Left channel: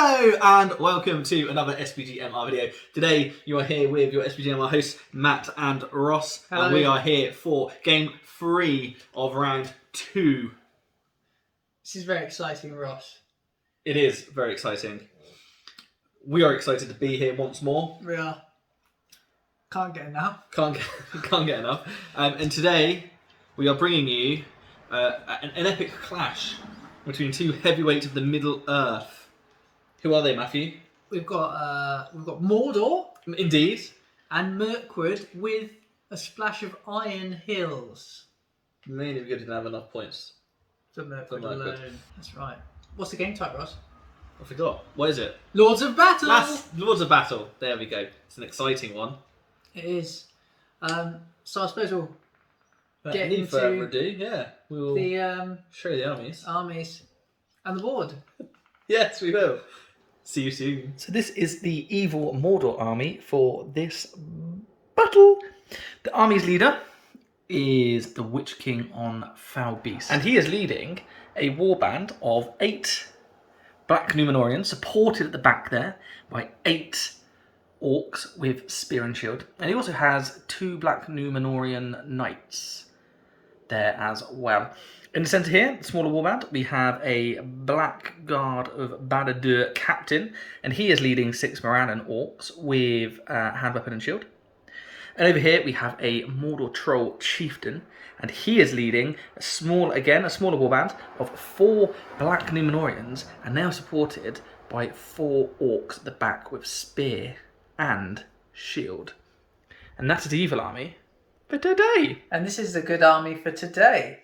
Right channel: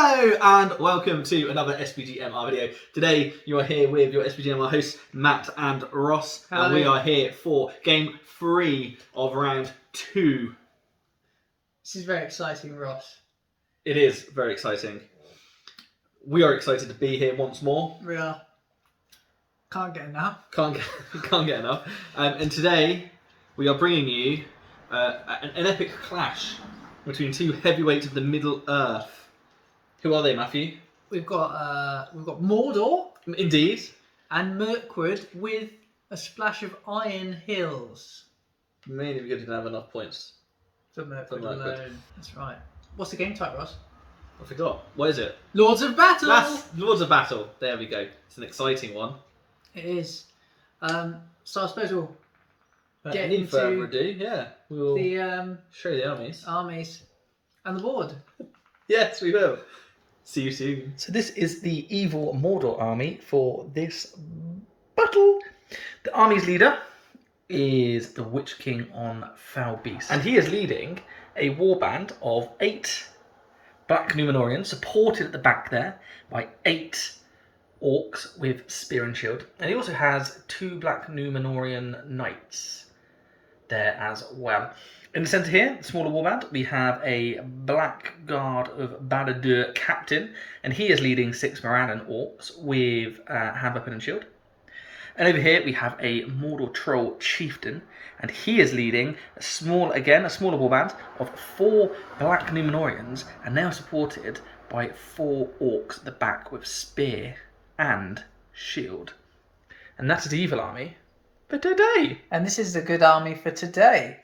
Hello and welcome to another SPGMR video. Today you are here with your SPGMR hosts Matt and Ross. Hello. And we are here for game 3 of round 2. This is very exciting, Ross. It is very exciting. We are excited to be here once more. We are. Can't get enough. Can't get enough. And today we are bringing you an epic clash between two heavyweights of the Middle Earth. Who are they, Matthew? We've got Mordor Indeed. and Mirkwood with a splash of Iron Hills. Mainly because we didn't have enough points. For Mirkwood Mirkwood. alone. That's right. What's the game type, Ross? I forgot. What is it? Lords of Battle! That's Lords of Battle. There we go. It's an exciting one. It is. So I suppose we'll get Need further into ado, yeah. We will the show you the armies. armies and the board. Yes, we will. See you soon. So this is the evil Mordor army for this battle. The army's leader is the Witch King on Foul Beast. And he is leading a warband of 8 Black Númenóreans, supported at the back there by 8 orcs with spear and shield. And he also has 2 Black Númenórean knights there as well. In the centre here, the smaller warband, we have a Black Guard of Badadur captain, and he is leading 6 Morannon orcs with hand weapon and shield. And over here we have a Mordor troll chieftain, and he is leading a smaller warband of 4 Black Númenóreans, and they are supported by 4 orcs at the back with spear and shield. And that is the evil army for today. And this is the good army for today.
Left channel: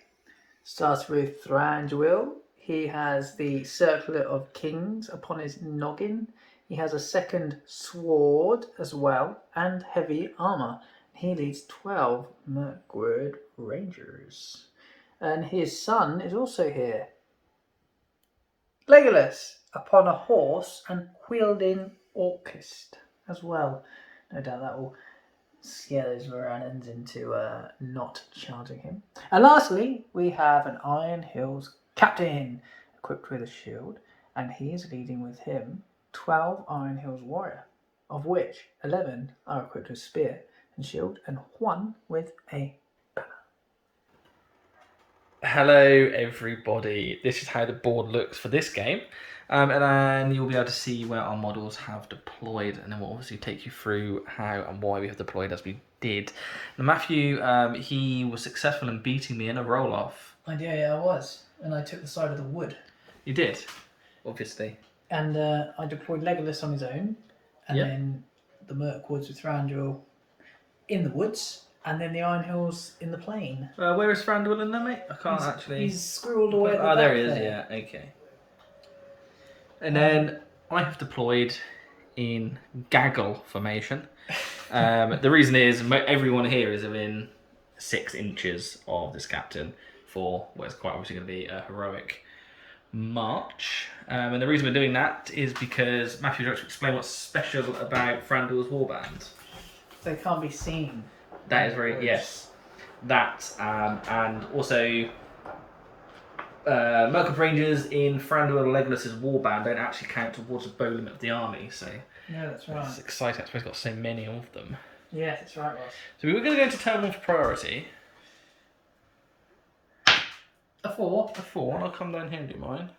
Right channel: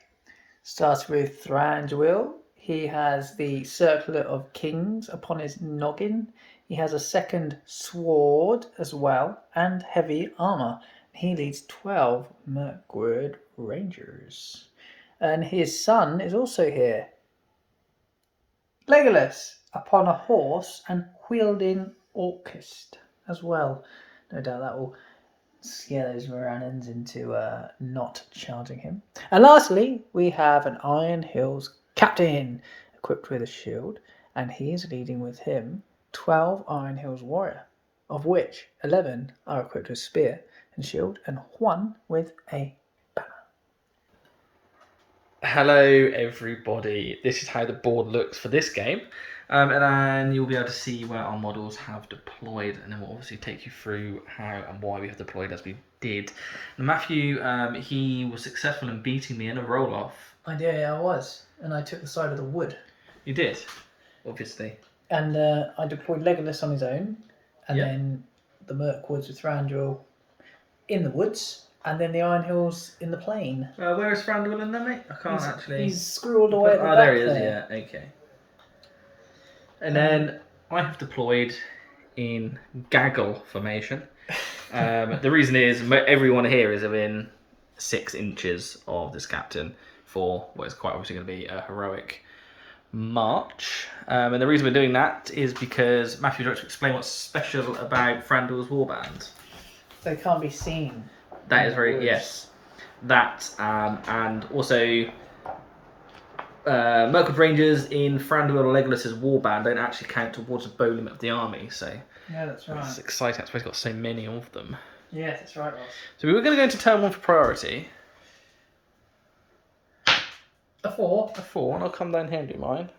Starts with Thranduil. He has the Circlet of Kings upon his noggin. He has a second sword as well, and heavy armour. He leads 12 Mirkwood Rangers. And his son is also here. Legolas, upon a horse and wielding Orcust as well. No doubt that will scare those Morannons into not charging him. And lastly, we have an Iron Hills captain equipped with a shield, and he's leading with him 12 Iron Hills warrior, of which 11 are equipped with spear and shield, and 1 with a banner. Hello everybody, this is how the board looks for this game. And then you'll be able to see where our models have deployed, and then we'll obviously take you through how and why we have deployed as we did. Now Matthew, he was successful in beating me in a roll-off. I did, I was, and I took the side of the wood. You did, obviously. And I deployed Legolas on his own, and then the Mirkwoods with Thranduil in the woods, and then the Iron Hills in the plain. Where is Thranduil in there, mate? I can't He's squirreled away at the back there he is, there. yeah, okay. And then I have deployed in gaggle formation. The reason is everyone here is within 6 inches of this captain for what is quite obviously going to be a heroic march. And the reason we're doing that is because Matthew, would you like to explain what's special about Thranduil's warband? They can't be seen. That is very, yes. That, and also Mirkwood Rangers in Thranduil Legolas's warband don't actually count towards the bow limit of the army, so No, that's right. it's exciting. That's why he's got so many of them. Yes, that's right, Ross. So we were going to go into turn 1 for priority. A 4. A 4, and I'll come down here and do mine.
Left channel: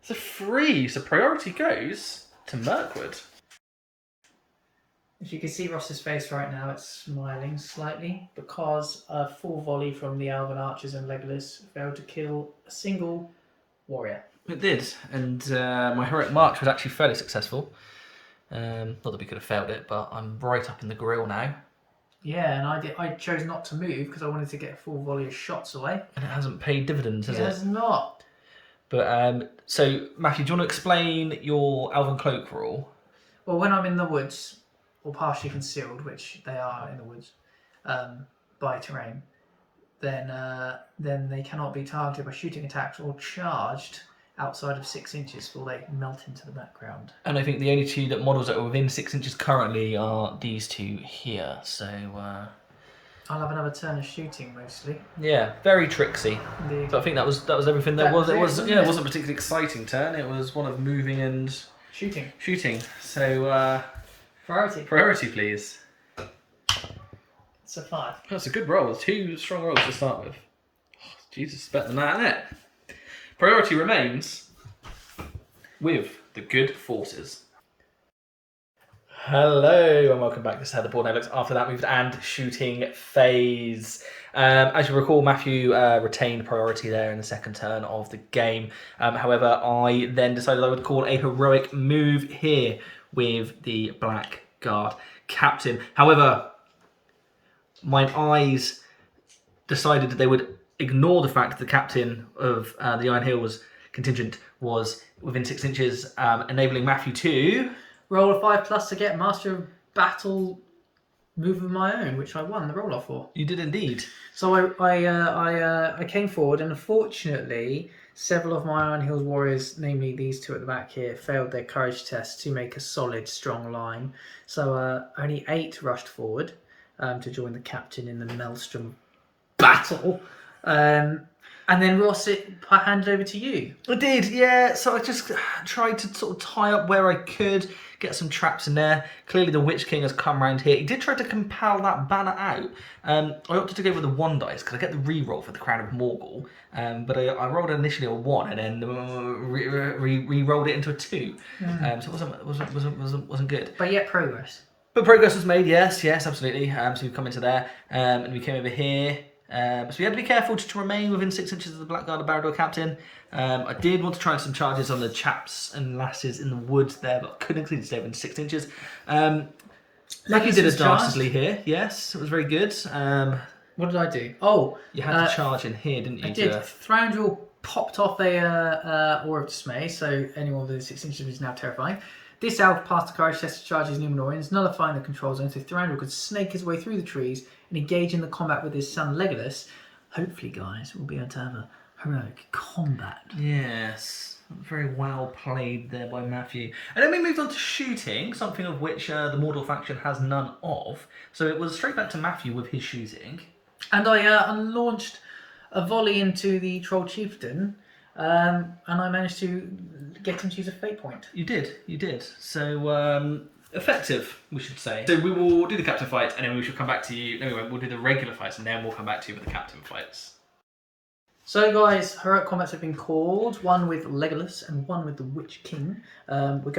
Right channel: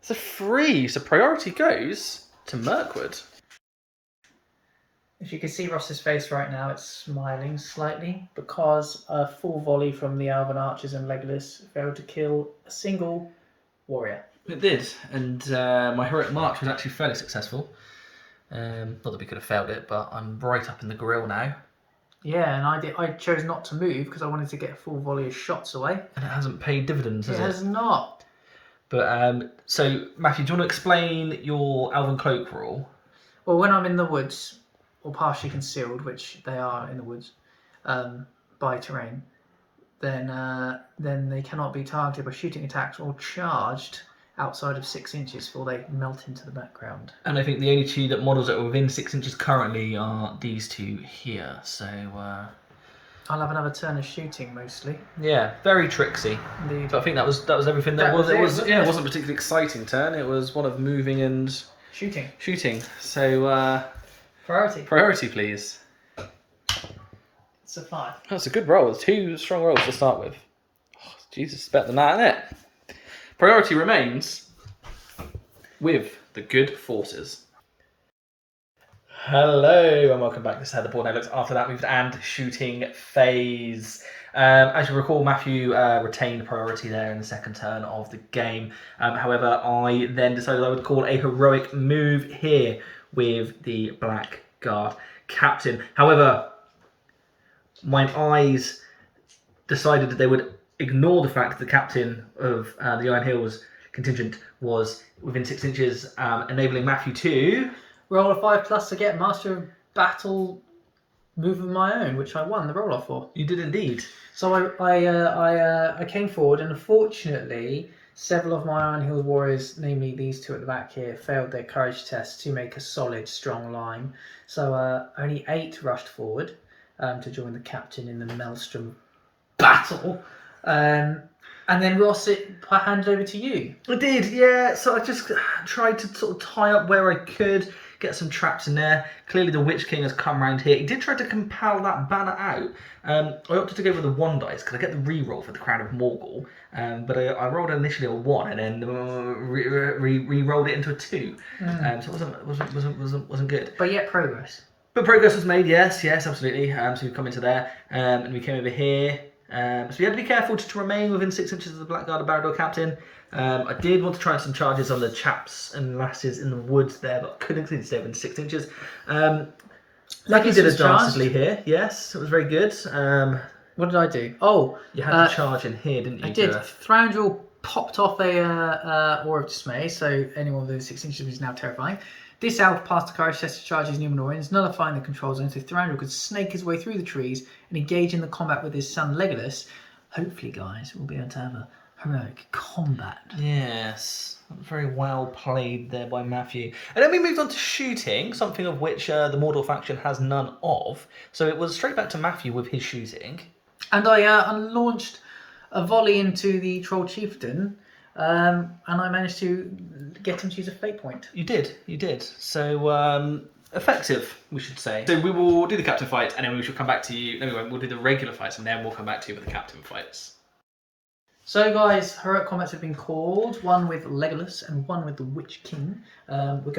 It's a 3, so priority goes to Mirkwood. If you can see Ross's face right now, it's smiling slightly because a full volley from the Elven archers and Legolas failed to kill a single warrior. It did, and my heroic march was actually fairly successful. Not that we could have failed it, but I'm right up in the grill now. Yeah, and I chose not to move because I wanted to get a full volley of shots away. And it hasn't paid dividends, has It it? has not. But, so, Matthew, do you want to explain your Elven Cloak rule? Well, when I'm in the woods, or partially concealed, which they are in the woods, by terrain, then they cannot be targeted by shooting attacks or charged outside of 6 inches before they melt into the background. And I think the only 2 models that are within 6 inches currently are these 2 here. So I'll have another turn of shooting mostly. Yeah, very tricksy. Indeed. So I think that was everything there That was. was It it, was wasn't yeah, it it? wasn't a particularly exciting turn. It was one of moving and Shooting. So Priority. please. It's a 5. That's a good roll. 2 strong rolls to start with. Oh, Jesus, it's better than that, isn't it? Priority remains with the good forces. Hello and welcome back. This is how the board now looks after that moved and shooting phase. As you recall, Matthew retained priority there in the second turn of the game. However, I then decided I would call a heroic move here with the Blackguard captain. However, my eyes decided that they would ignore the fact that the captain of the Iron Hills contingent was within 6 inches, enabling Matthew to Roll a 5+ to get Master of Battle move of my own, which I won the roll off for. You did indeed. So I came forward, and unfortunately, several of my Iron Hills warriors, namely these two at the back here, failed their courage test to make a solid, strong line. So only 8 rushed forward to join the captain in the Maelstrom battle. And then Ross, I handed over to you. I did, yeah. So I just tried to sort of tie up where I could, get some traps in there. Clearly the Witch King has come round here. He did try to compel that banner out. I opted to go with the 1 dice because I get the re-roll for the Crown of Morgul. But I rolled initially a 1 and then re-rolled it into a 2. So it wasn't good. But yet progress. But progress was made, yes, absolutely. So we've come into there, and we came over here. So we had to be careful to remain within 6 inches of the Blackguard Barrador captain. I did want to try some charges on the chaps and lasses in the woods there, but I couldn't stay within 6 inches. Like you did it dastardly here, yes, it was very good. What did I do? Oh, you had to charge in here, didn't you? I did. Thranduil popped off a Aura of Dismay, so anyone within 6 inches is now terrifying. This elf passed the courage test to charge his Numenorians, nullifying the control zone so Thranduil could snake his way through the trees and engage in the combat with his son Legolas. Hopefully, guys, we'll be able to have a heroic combat. Yes, very well played there by Matthew. And then we moved on to shooting, something of which the Mordor faction has none of. So it was straight back to Matthew with his shooting. And I launched a volley into the Troll Chieftain, and I managed to get him to use a fate point. You did. So, effective, we should say. So we will do the captain fight, and then we shall come back to you. No, we'll do the regular fights, and then we'll come back to you with the captain fights. So, guys, heroic combats have been called. One with Legolas and one with the Witch King. We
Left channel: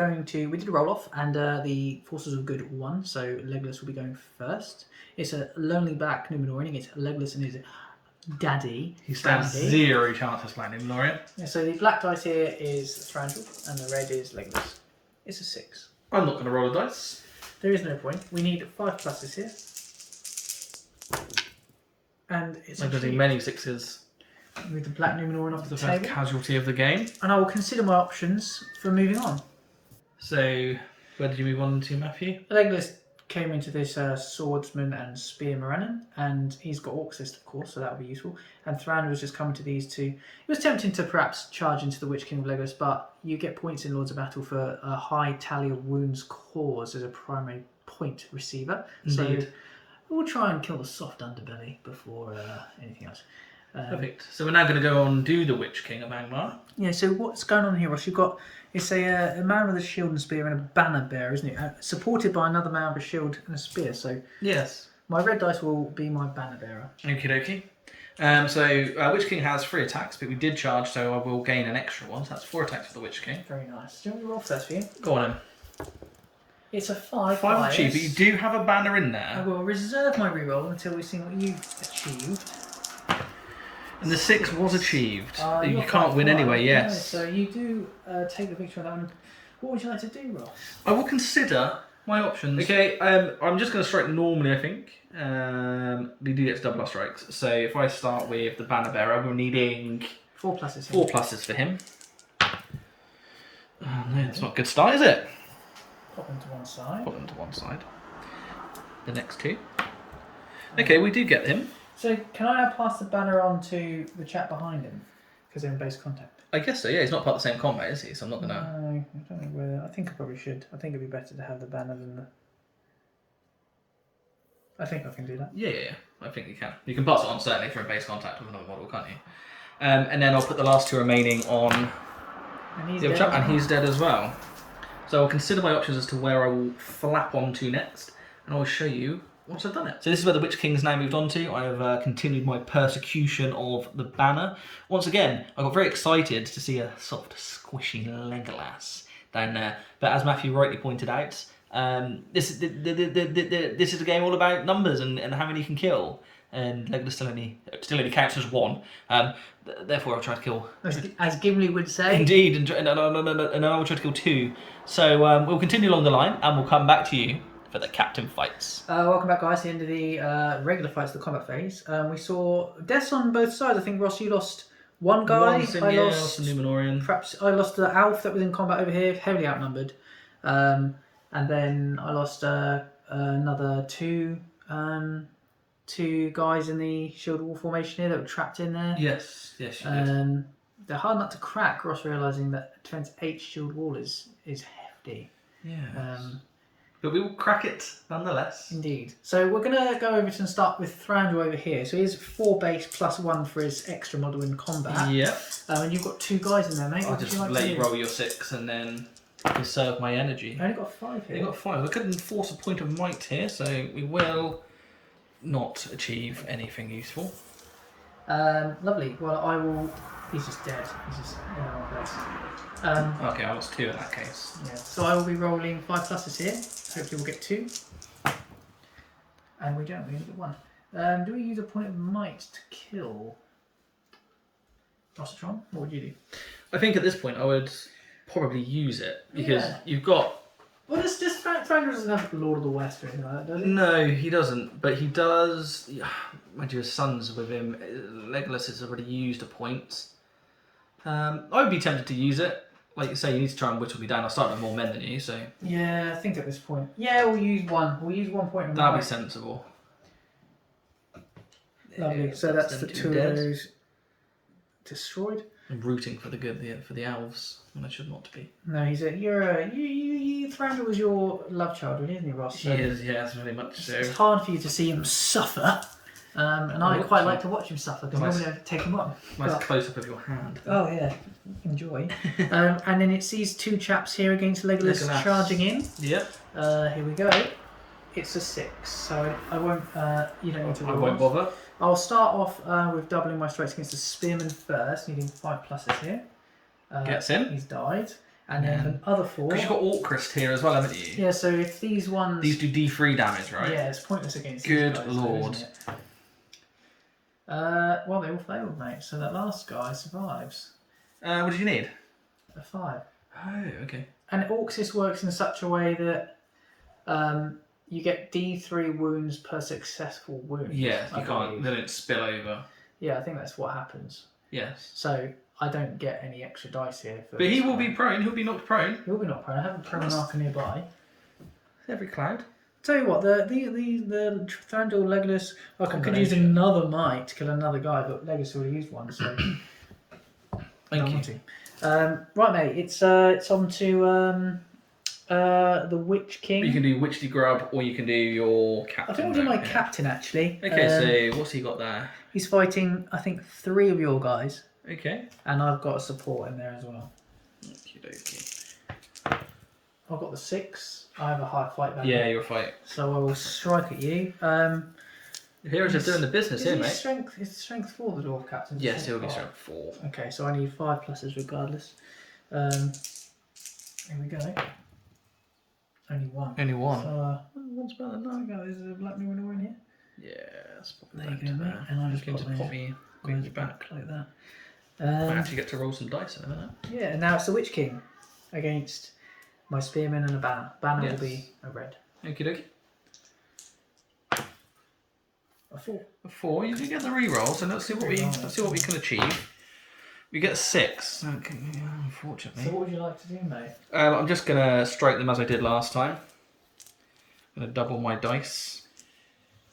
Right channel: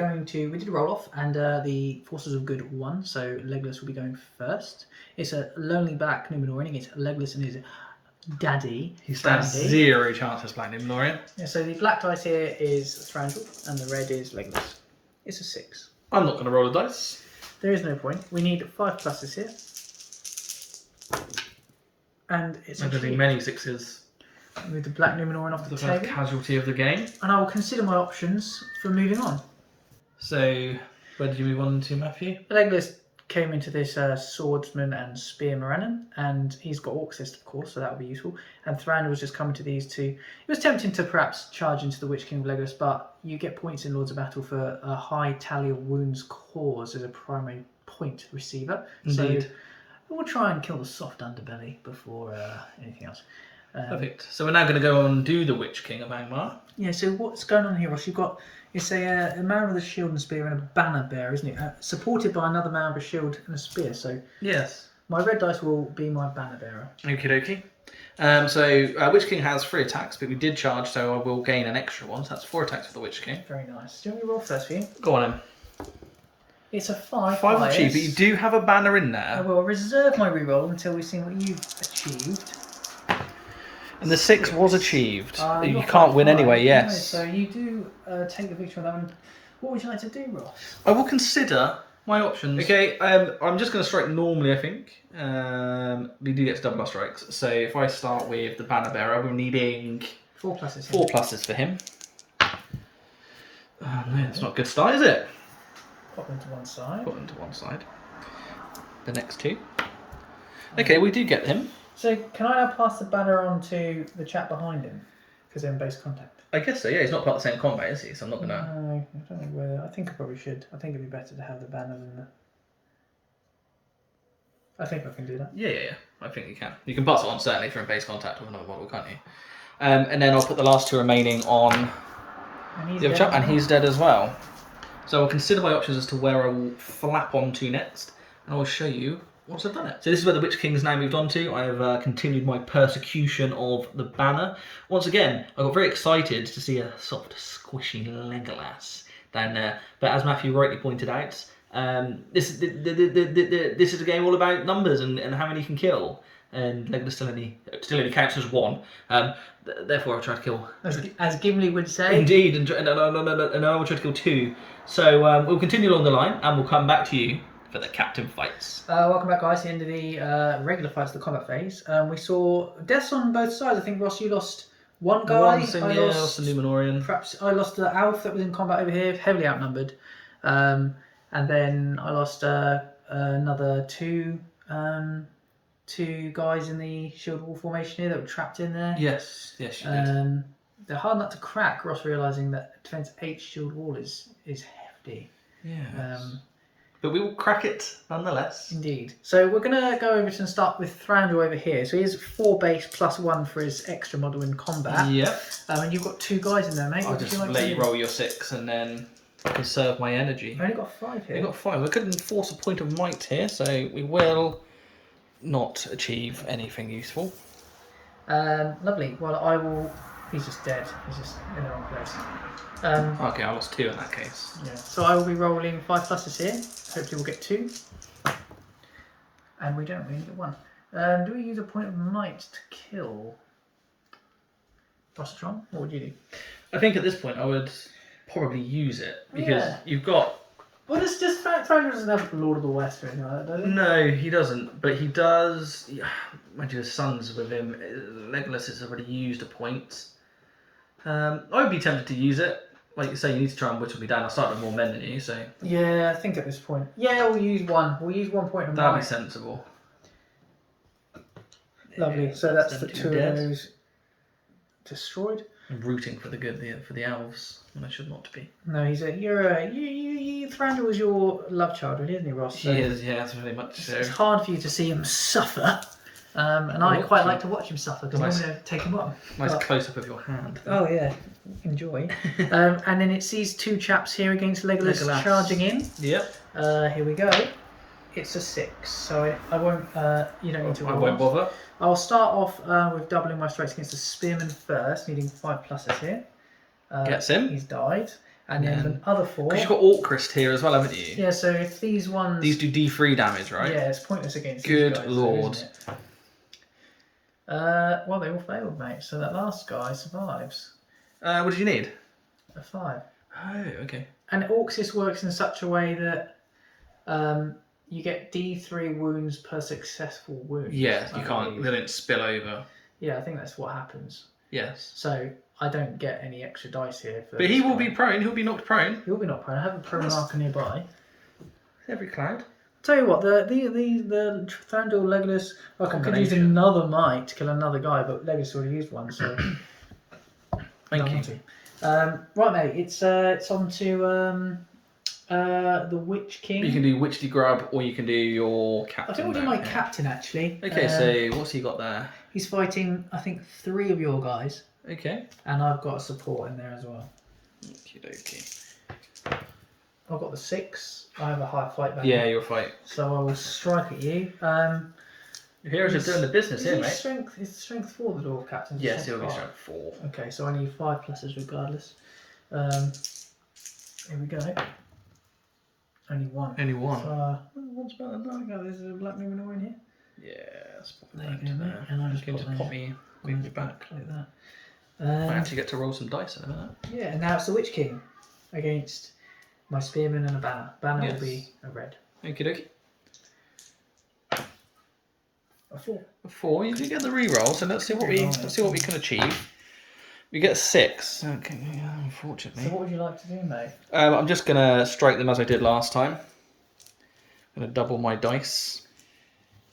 did a roll off, and the Forces of Good won. So Legolas will be going first. It's a lonely black Numenorean. It's Legolas and his daddy. He stands Brandy. 0 chance of slaying him, Lorian. Yeah, so the black dice here is Thranduil, and the red is Legolas. It's a 6. I'm not going to roll a dice. There is no point. We need 5 pluses here. And it's I'm getting many 6s. Move the black Numenorian off the The first table. casualty of the game. And I will consider my options for moving on. So, where did you move on to, Matthew? Legolas came into this swordsman and spear Morannon, and he's got Orc Assist, of course, so that would be useful. And Thranduil was just coming to these two. It was tempting to perhaps charge into the Witch King of Legolas, but you get points in Lords of Battle for a high tally of wounds caused as a primary point receiver. Indeed. So we'll try and kill the soft underbelly before anything else. Perfect. So we're now going to go on and do the Witch King of Angmar. Yeah, so what's going on here, Ross? You've got, it's a man with a shield and spear and a banner bearer, isn't it? Supported by another man with a shield and a spear. So Yes. my red dice will be my banner bearer. Okie dokie. So Witch King has 3 attacks, but we did charge, so I will gain an extra one. So that's 4 attacks for the Witch King. Very nice. Do you want me to roll first for you? Go on then. It's a 5. 5 bias. achieved, but you do have a banner in I there. will reserve my reroll until we see what you've achieved. And the 6 was achieved. You You're can't win 5-5. anyway, No, yes. so you do take the victory on that one. What would you like to do, Ross? I will consider my options. Okay, I'm just going to strike normally, I think. We do get to double our strikes. So if I start with the banner bearer, we're needing 4 pluses. 4 pluses for him. Oh no, that's not a good start, is it? Pop them to one side. Put them to one side. The next 2. Okay, we do get him. So can I now pass the banner on to the chap behind him? Because they're in base contact. I guess so, yeah. He's not part of the same combat, is he? So I'm not going to... No, I don't know whether... I think I probably should. I think it'd be better to have the banner than the... I think I can do that. Yeah. I think you can. You can pass it on certainly if you're in base contact with another model, can't you? And then I'll put the last 2 remaining on And he's the other dead. chap, and he's dead as well. So I'll consider my options as to where I will flap onto next, and I'll show you once I've done it. So this is where the Witch King's now moved on to. I have continued my persecution of the banner. Once again, I got very excited to see a soft, squishy Legolas down there. But as Matthew rightly pointed out, this is a game all about numbers and how many you can kill. And Legolas still only counts as 1. Therefore, I'll try to kill. As Gimli would say. Indeed, and I will try to kill 2. So we'll continue along the line, and we'll come back to you for the captain fights. Welcome back, guys, to the end of the regular fights, the combat phase. We saw deaths on both sides. I think, Ross, you lost one guy. I lost the Numenorian. Perhaps I lost the Alf that was in combat over here, heavily outnumbered. And then I lost another 2 guys in the shield wall formation here that were trapped in there. Yes, you did. They're hard not to crack. Ross realising that defense 8 shield wall is hefty. Yeah. But we will crack it nonetheless. Indeed. So we're going to go over and start with Thranduil over here. So he has 4 base plus 1 for his extra model in combat. Yep. And you've got 2 guys in there, mate. I'll What would just you like let to you do? roll your 6 and then conserve my energy. I only got 5 here. I got 5. I couldn't force a point of might here, so we will not achieve anything useful. Lovely. Well, I will... He's just dead. He's just in the wrong place. Okay, I lost 2 in that case. Yeah. So I will be rolling 5 pluses here. Hopefully we'll get 2. And we don't. We only get 1. Do we use a point of might to kill Rossitron? What would you do? I think at this point I would probably use it because you've got... Well, it's just Thranduil doesn't have Lord of the West or anything like that, does he? No, he doesn't, but he does... Mind you, his son's with him. Legolas has already used a point. I would be tempted to use it. Like you say, you need to try and whittle me down. I started with more men than you, so... Yeah, I think at this point. Yeah, we'll use 1. We'll use 1 point of That'd might. be sensible. Lovely. So that's the 2 dead. of those destroyed. I'm rooting for the elves, when I should not be. No, Thranduil was your love child, really, isn't he, Ross? So He is, yes, very much so. it's hard for you to see him suffer. And I quite like to watch him suffer because Nice. normally I take him on. Nice But- close up of your hand. Oh yeah, enjoy. And then it's these 2 chaps here against Legolas charging in. Yep. Here we go. It's a 6, so I won't. You don't need to. I roll. won't bother. I'll start off with doubling my strikes against the spearman first, needing 5 pluses here. Gets him. He's died, and then the other 4. Because you've got Orcrist here as well, haven't you? Yeah, so if these ones. These do D3 damage, right? Yeah, it's pointless against. Good these guys, lord. Isn't it? Well, they all failed, mate. So that last guy survives. What did you need? A 5. Oh, okay. And Orcsis works in such a way that you get D3 wounds per successful wound. Yeah, I you can't. believe. They don't spill over. Yeah, I think that's what happens. Yes. So I don't get any extra dice here. For But he this will guy. be prone. He'll be knocked prone. He'll be not prone. I have a prone marker nearby. Every cloud. Tell you what, the Thranduil Legolas. I could use Combination. another might to kill another guy, but Legolas already used one, so. Thank you. Right, mate. It's on to the Witch King. You can do Witchy Grub, or you can do your captain. I think we'll do my mode. captain actually. Okay, so what's he got there? He's fighting, I think, 3 of your guys, Okay. and I've got a support in there as well. Okie dokie. I've got the 6. I have a high fight back. Yeah, you're fight. So I will strike at you. The heroes are doing the business Is here, he mate. strength? Is strength 4 the dwarf captain? Yes, he'll be Strength strength 4. 5. Okay, so I need 5 pluses regardless. Here we go. Only 1. Only 1. So, what's better than that? There's a black Numenor in here. Yeah, that's probably There you better go, mate. there. And I'll I'm just going to pop pop me back. like that. I actually get to roll some dice in a minute. Yeah, and now it's the Witch King against my spearman and a banner. Banner Yes. will be a red. Okie dokie. A 4. A 4. You do get the reroll, so let's see what we can achieve. We get 6. Okay, yeah, So unfortunately. what would you like to do, mate? I'm just gonna strike them as I did last time. I'm gonna double my dice.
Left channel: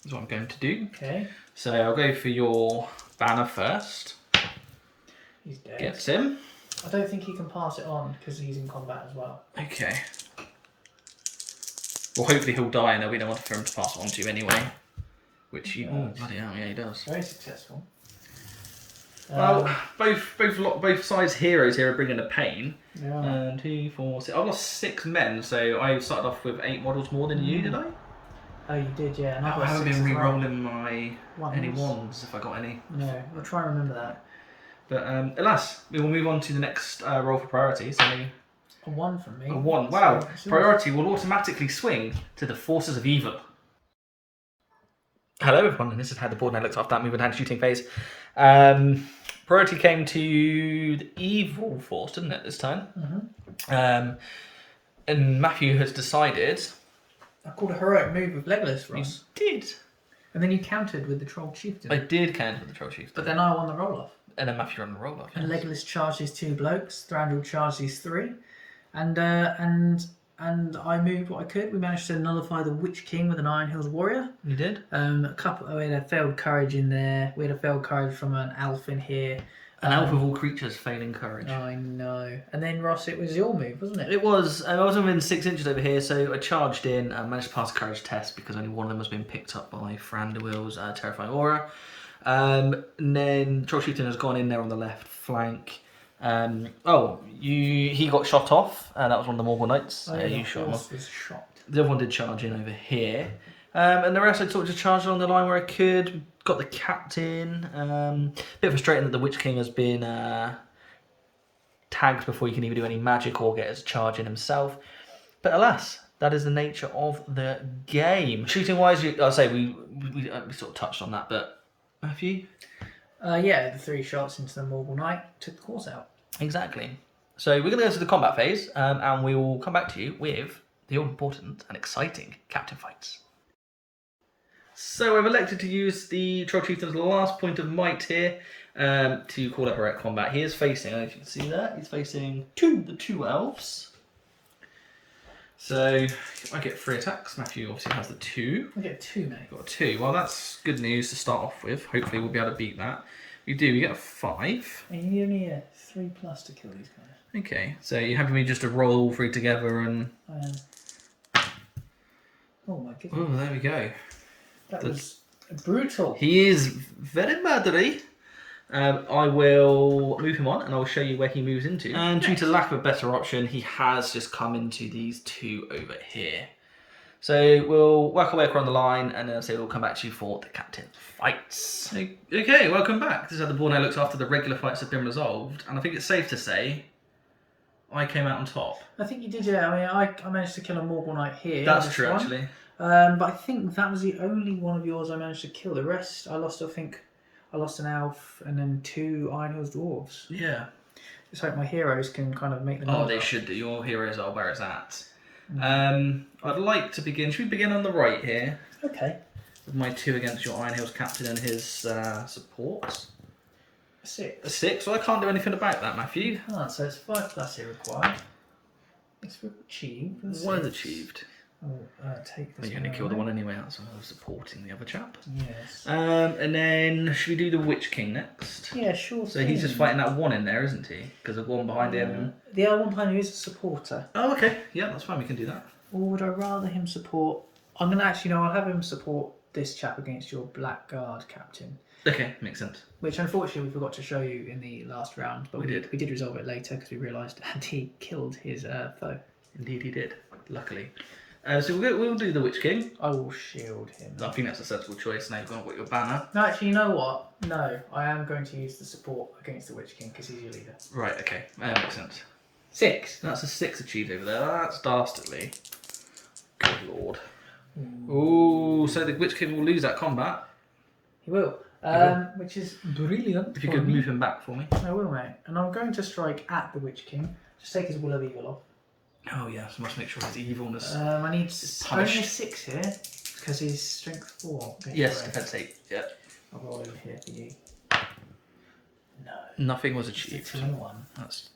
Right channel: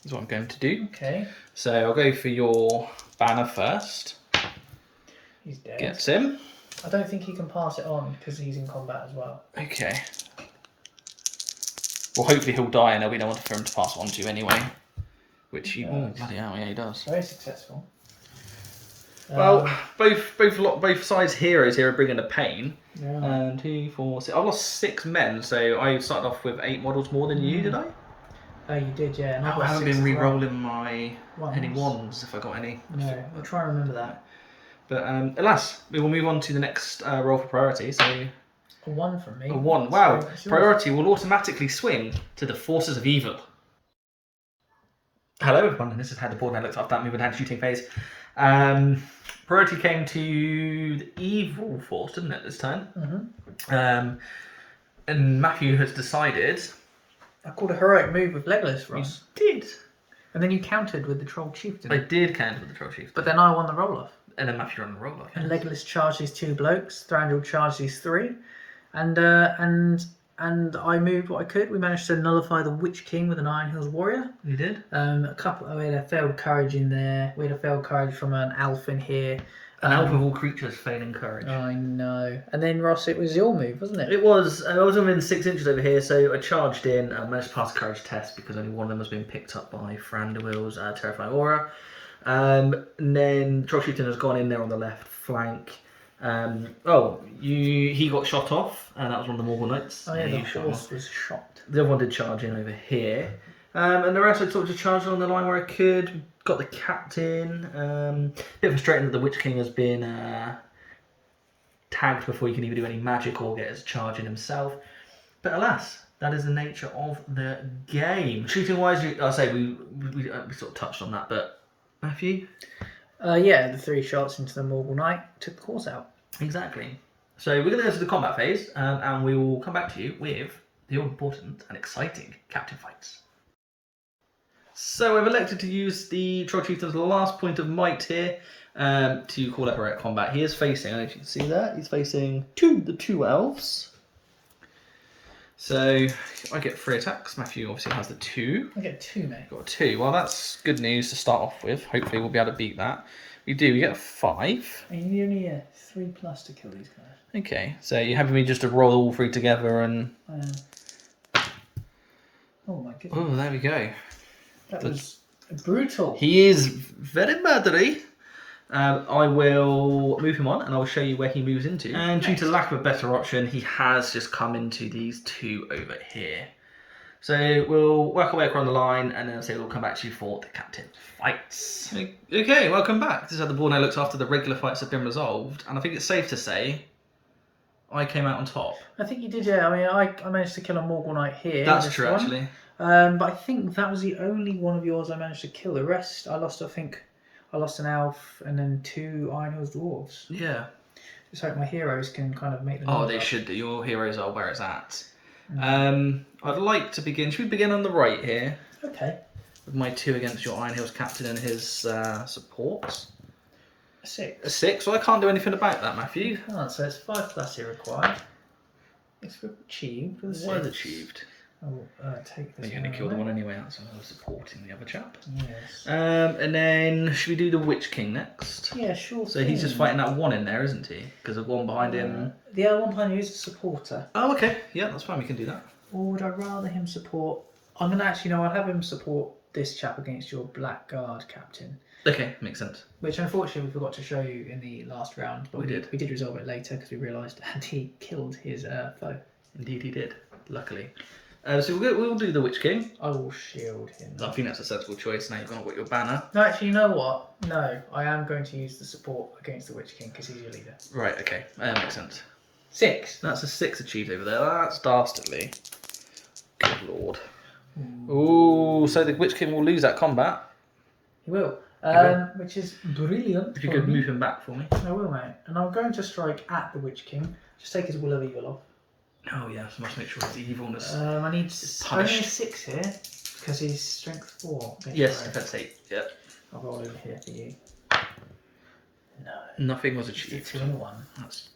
Is what I'm going to do. Okay, So I'll go for your banner first. he's dead. Gets him. I don't think he can pass it on because he's in combat as well. Okay. Well, hopefully he'll die and there'll be no one for him to pass it on to anyway. which he, oh bloody hell, yeah, he does. Very successful. Well, both sides heroes here are bringing the pain. Yeah. 2, 4, 6. I've lost 6 men, so I started off with 8 models more than you, did I? Oh, you did, yeah. And I haven't been re-rolling my any wands if I got any. No, I'll try and remember that. But alas, we will move on to the next roll for priority. So a 1 from me. A 1. Wow. So Priority will automatically swing to the forces of evil. Hello everyone, and this is how the board now looks after that moving hand shooting phase. Priority came to the evil force, didn't it, this time? Mm-hmm. And Matthew has decided... I called a heroic move with Legolas, Ross. You did. And then you countered with the Troll Chieftain. I did counter with the Troll Chieftain. But then I won the roll-off. And then Matthew on the roll-off. And Legolas charged these 2 blokes, Thranduil charged these 3, and I moved what I could. We managed to nullify the Witch King with an Iron Hills Warrior. You did? We had a failed courage in there. We had a failed courage from an elf in here. An elf of all creatures failing courage. I know. And then, Ross, it was your move, wasn't it? It was. I was within 6 inches over here, so I charged in. I managed to pass a courage test because only one of them was being picked up by Thranduil's terrifying aura. And then Troll Chieftain has gone in there on the left flank. He got shot off, and that was one of the Morgul Knights. Oh, yeah, You the shot him horse off. was shot. The other one did charge in over here. And the rest I sort of just charged along the line where I could. We got the captain. Bit frustrating that the Witch King has been tagged before you can even do any magic or get his charge in himself. But alas, that is the nature of the game. Shooting wise, we sort of touched on that, but Matthew? Yeah, the 3 shots into the Morgul Knight took the course out. Exactly. So we're going to go to the combat phase, and we will come back to you with the all-important and exciting captain fights. So I've elected to use the Troll Chieftain's last point of might here to call up heroic combat. He is facing, I don't know if you can see that, he's facing the 2 elves. So I get 3 attacks. Matthew obviously has the 2. I get 2, mate. Got a 2. Well, that's good news to start off with. Hopefully we'll be able to beat that. We do. We get a 5. And you need only a 3+ to kill these guys. Okay. So you're having me just to roll all 3 together and... Oh my goodness. Oh, there we go. That was brutal. He is very murdery. I will move him on and I'll show you where he moves into. And due to lack of a better option, he has just come into these 2 over here. So we'll work our way across the line and then we'll come back to you for the captain fights. Okay, welcome back. This is how the board now looks after the regular fights have been resolved. And I think it's safe to say I came out on top. I think you did, yeah. I mean, I managed to kill a Morgul Knight here. That's true, actually. But I think that was the only one of yours I managed to kill. The rest, I lost an elf and then 2 Iron Hills dwarves. Yeah. Just hope my heroes can kind of make them. Oh, they should do. Your heroes are where it's at. I'd like to begin. Should we begin on the right here? Okay. With my 2 against your Iron Hills captain and his supports. A 6. A 6? Well, I can't do anything about that, Matthew. You can't, so it's 5+ here required. It's achieved. What is achieved? Oh, take this. You're going to kill the one anyway, so I was supporting the other chap. Yes. And then, should we do the Witch King next? Yeah, sure. So he's just fighting that 1 in there, isn't he? Because the one behind him... The other one behind you is a supporter. Oh, okay. Yeah, that's fine. We can do that. Or would I rather him support... I'm going to actually, I'll have him support this chap against your Blackguard captain. Okay, makes sense. Which, unfortunately, we forgot to show you in the last round. But we did. We did resolve it later because we realised that he killed his foe. Indeed he did, luckily. So we'll do the Witch King. I will shield him. I think that's a sensible choice. Now you've got your banner. No, actually, you know what? No, I am going to use the support against the Witch King because he's your leader. Right, okay. That makes sense. 6. That's a 6 achieved over there. That's dastardly. Good lord. Ooh, so the Witch King will lose that combat. He will. Which is brilliant. If you could move him back for me. I will, mate. And I'm going to strike at the Witch King. Just take his Will of Evil off. Oh yeah, so must make sure his evilness. I need only a 6 here because he's strength 4. Yes, defense 8. Yeah. I'll roll over here for you. No. Nothing was achieved. 2 and 1. That's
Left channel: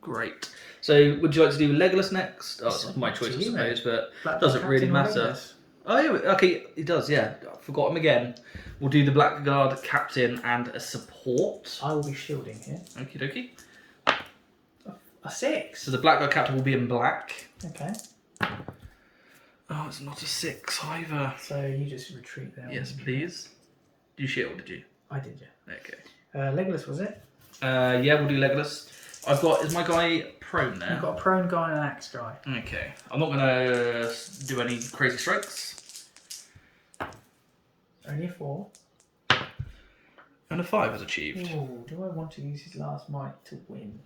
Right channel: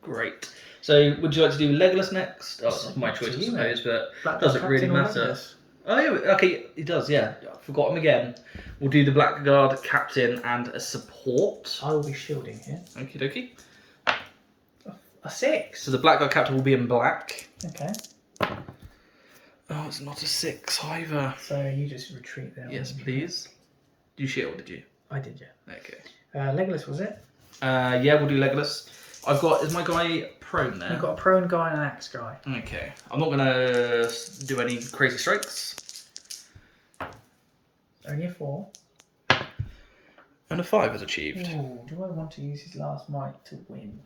great. So, would you like to do Legolas next? Oh, it's my choice, I you, suppose, but Black doesn't really Captain or matter. Legolas? Oh yeah, okay, he does. Yeah, I forgot him again. We'll do the Blackguard captain and a support. I will be shielding here. Okie dokie. A 6. So the Blackguard captain will be in black. Okay. Oh, it's not a 6 either. So you just retreat there. Yes, please. Did you shield, did you? I did, yeah. Okay. Legolas, was it? Yeah, we'll do Legolas. I've got, is my guy prone there? You've got a prone guy and an axe guy. Okay. I'm not going to do any crazy strikes. Only a 4. And a 5 is achieved. Ooh, do I want to use his last might to win?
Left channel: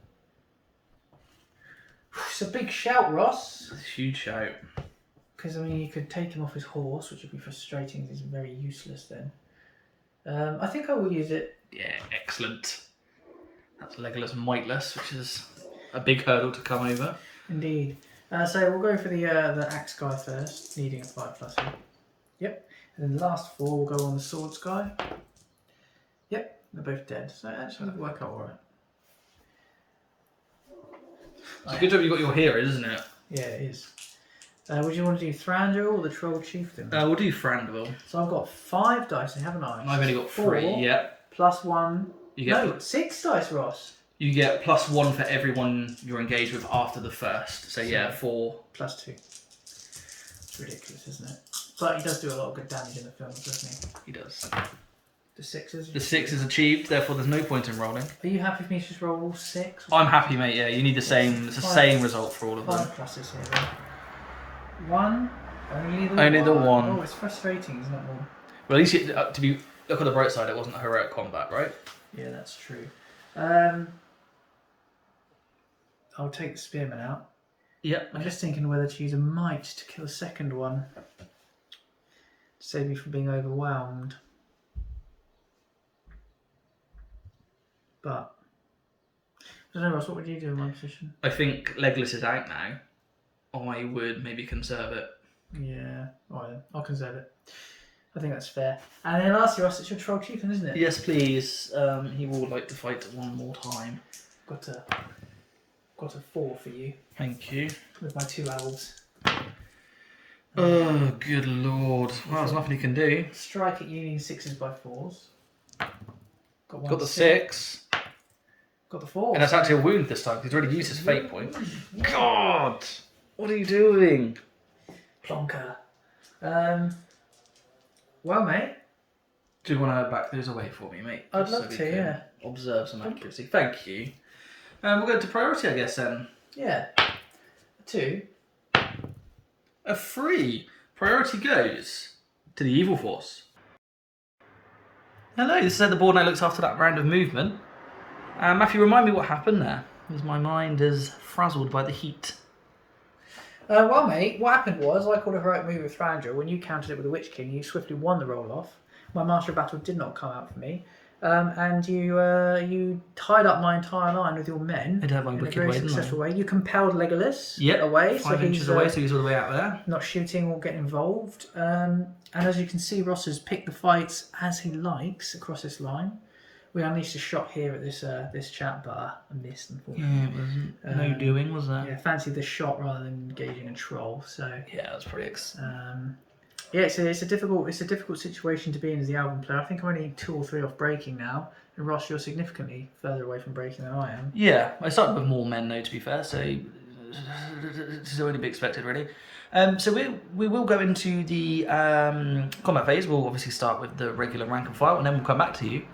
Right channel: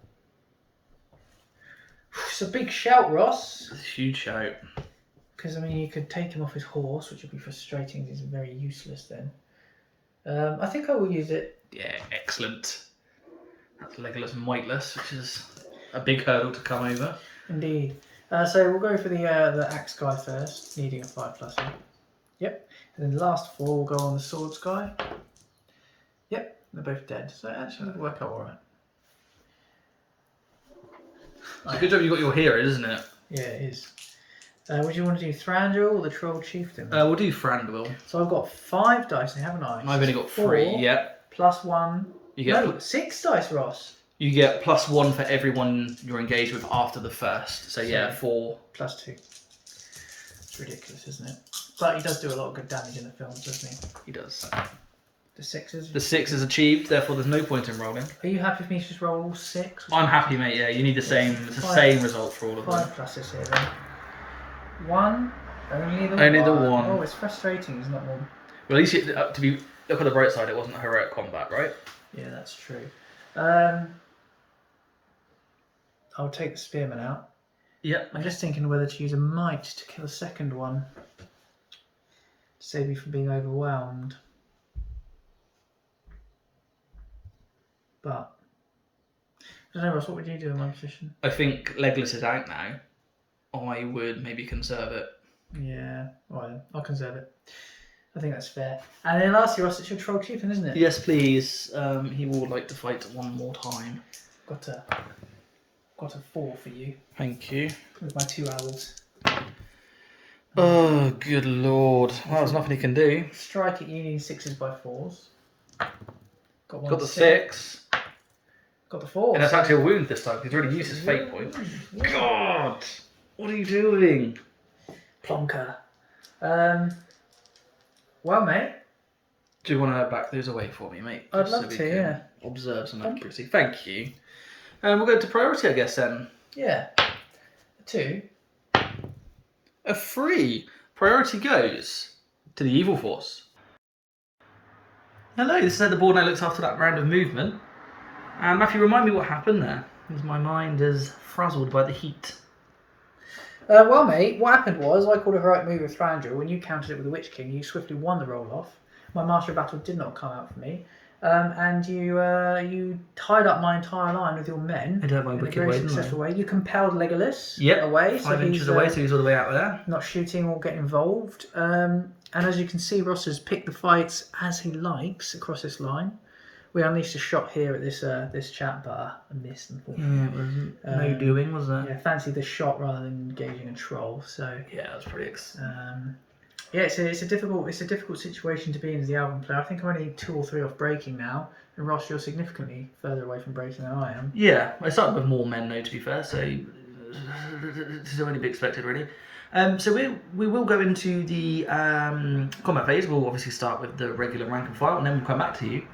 It's a big shout, Ross. It's a huge shout. Because, I mean, you could take him off his horse, which would be frustrating. He's very useless then. I think I will use it. Yeah, excellent. That's Legolas Mightless, which is a big hurdle to come over. Indeed. So we'll go for the axe guy first, needing a 5+ here. Yep. And then the last 4 will go on the swords guy. Yep, they're both dead. So it actually did work out alright. It's a good job you got your hero, isn't it? Yeah, it is. Would you want to do Thranduil or the Troll Chieftain? We'll do Thranduil. So I've got 5 dice, haven't I? I've only got 3. 4 Yep. plus 1. You get 6 dice, Ross. You get +1 for everyone you're engaged with after the first. So yeah, 4. Plus 2. It's ridiculous, isn't it? But he does do a lot of good damage in the film, doesn't he? He does. The 6s. The 6 is achieved, therefore there's no point in rolling. Are you happy for me to just roll all 6? I'm happy, mate. Yeah, you need the same. It's the same result for all of them. 5 pluses here then. 1. Only the Only 1. the 1. Oh, it's frustrating. It's not more. Well, at least look on the bright side. It wasn't a heroic combat, right? Yeah, that's true. I'll take the spearman out. Yep. I'm just thinking whether to use a might to kill a second one. To save me from being overwhelmed. But I don't know, Ross, what would you do in my position? I think Legolas is out now. I would maybe conserve it. Yeah, alright then. I'll conserve it. I think that's fair. And then lastly, Ross, it's your Troll Chieftain, isn't it? Yes, please. He would like to fight one more time. Got a 4 for you Thank you. with my 2 owls. Oh, good lord. Well, there's nothing he can do. Strike at Union 6s by 4s. Got one Got the 6. 6. Got the 4. And that's actually a wound this time. He's already used his fate point. Yeah. God! What are you doing? Plonker. Well, mate. Do you want to back those away for me, mate? I'd Just love we to, can yeah. Observe some Thank accuracy. Thank you. We'll go to priority, I guess, then. Yeah. A 2. A 3. Priority goes to the evil force. Hello, this is how the board now looks after that round of movement. Matthew, remind me what happened there, as my mind is frazzled by the heat. Well, mate, what happened was I called a heroic move with Thranduil. When you countered it with the Witch King, you swiftly won the roll off. My Master of Battle did not come out for me. And you tied up my entire line with your men. I did have my in a wicked very way, didn't I? successful way. You compelled Legolas Yep, away. 5 inches he's, away, so he's all the way out there. not shooting or getting involved. And as you can see, Ross has picked the fights as he likes across this line. We unleashed a shot here at this chap, but I missed, unfortunately. Yeah, it was no doing, was there? Yeah, fancy the shot rather than engaging a troll. So Yeah, that's pretty yeah, it's a difficult situation to be in as the Alvin player. I think I'm only 2 or 3 off breaking now, and Ross, you're significantly further away from breaking than I am. Yeah, I started with more men though, to be fair, so it's only be expected really. So we will go into the combat phase. We'll obviously start with the regular rank and file, and then we'll come back to you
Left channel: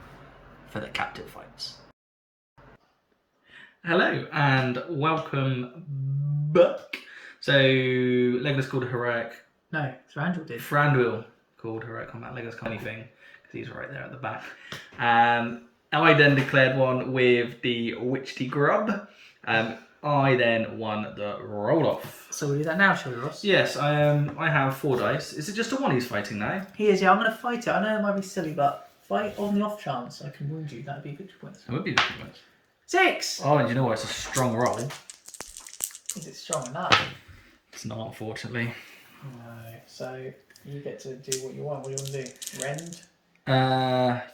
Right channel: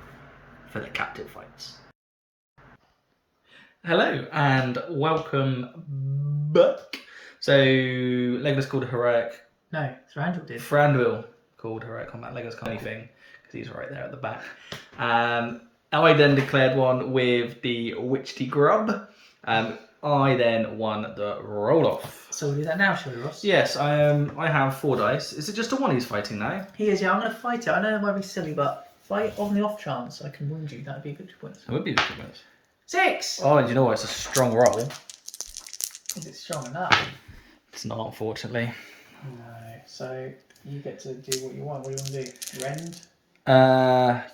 for the captive fights. Hello and welcome back. So Legolas called a heroic. No, Thranduil did. Thranduil called heroic combat. Legolas can't anything because he's right there at the back. I then declared one with the Witchy Grub. I then won the roll off. So we'll do that now, shall we, Ross? Yes, I have 4 dice. Is it just a 1 he's fighting now? He is, yeah, I'm going to fight it. I know it might be silly, but fight on the off chance I can wound you. That'd be victory points. It would be victory points. 6! Oh, and you know what? It's a strong roll. Is it strong enough? It's not, unfortunately. No. So you get to do what you want. What do you want to do? Rend?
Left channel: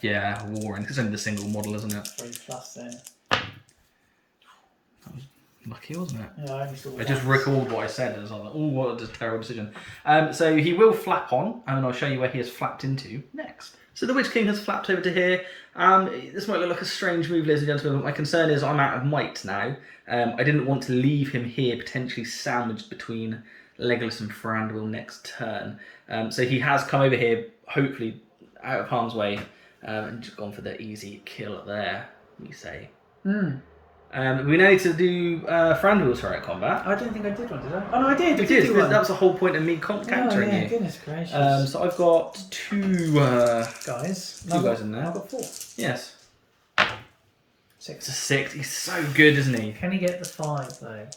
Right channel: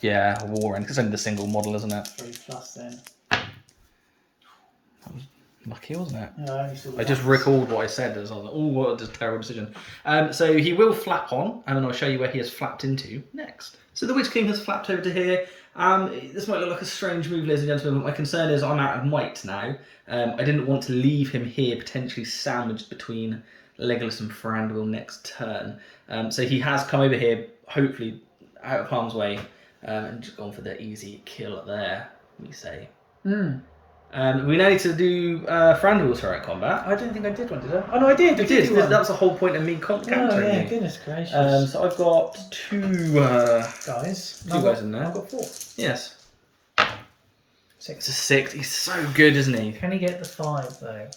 Yeah, War End. It's only the single model, isn't it? 3 plus then. That was lucky, wasn't it? No, I only saw the I just ones. recalled what I said. I was like, oh, what a terrible decision. So he will flap on, and then I'll show you where he has flapped into next. So the Witch King has flapped over to here. This might look like a strange move, ladies and gentlemen, but my concern is I'm out of might now. I didn't want to leave him here potentially sandwiched between Legolas and Thranduil next turn. So he has come over here, hopefully out of harm's way, and just gone for the easy kill there, we say. We now need to do Thranduil's heroic combat. I don't think I did one, did I? Oh no, I did. You did. That was the whole point of me countering you. Goodness gracious. So I've got two guys. two guys in there. I've got 4. Yes. 6. It's a 6. He's so good, isn't he? Can he get the 5 though?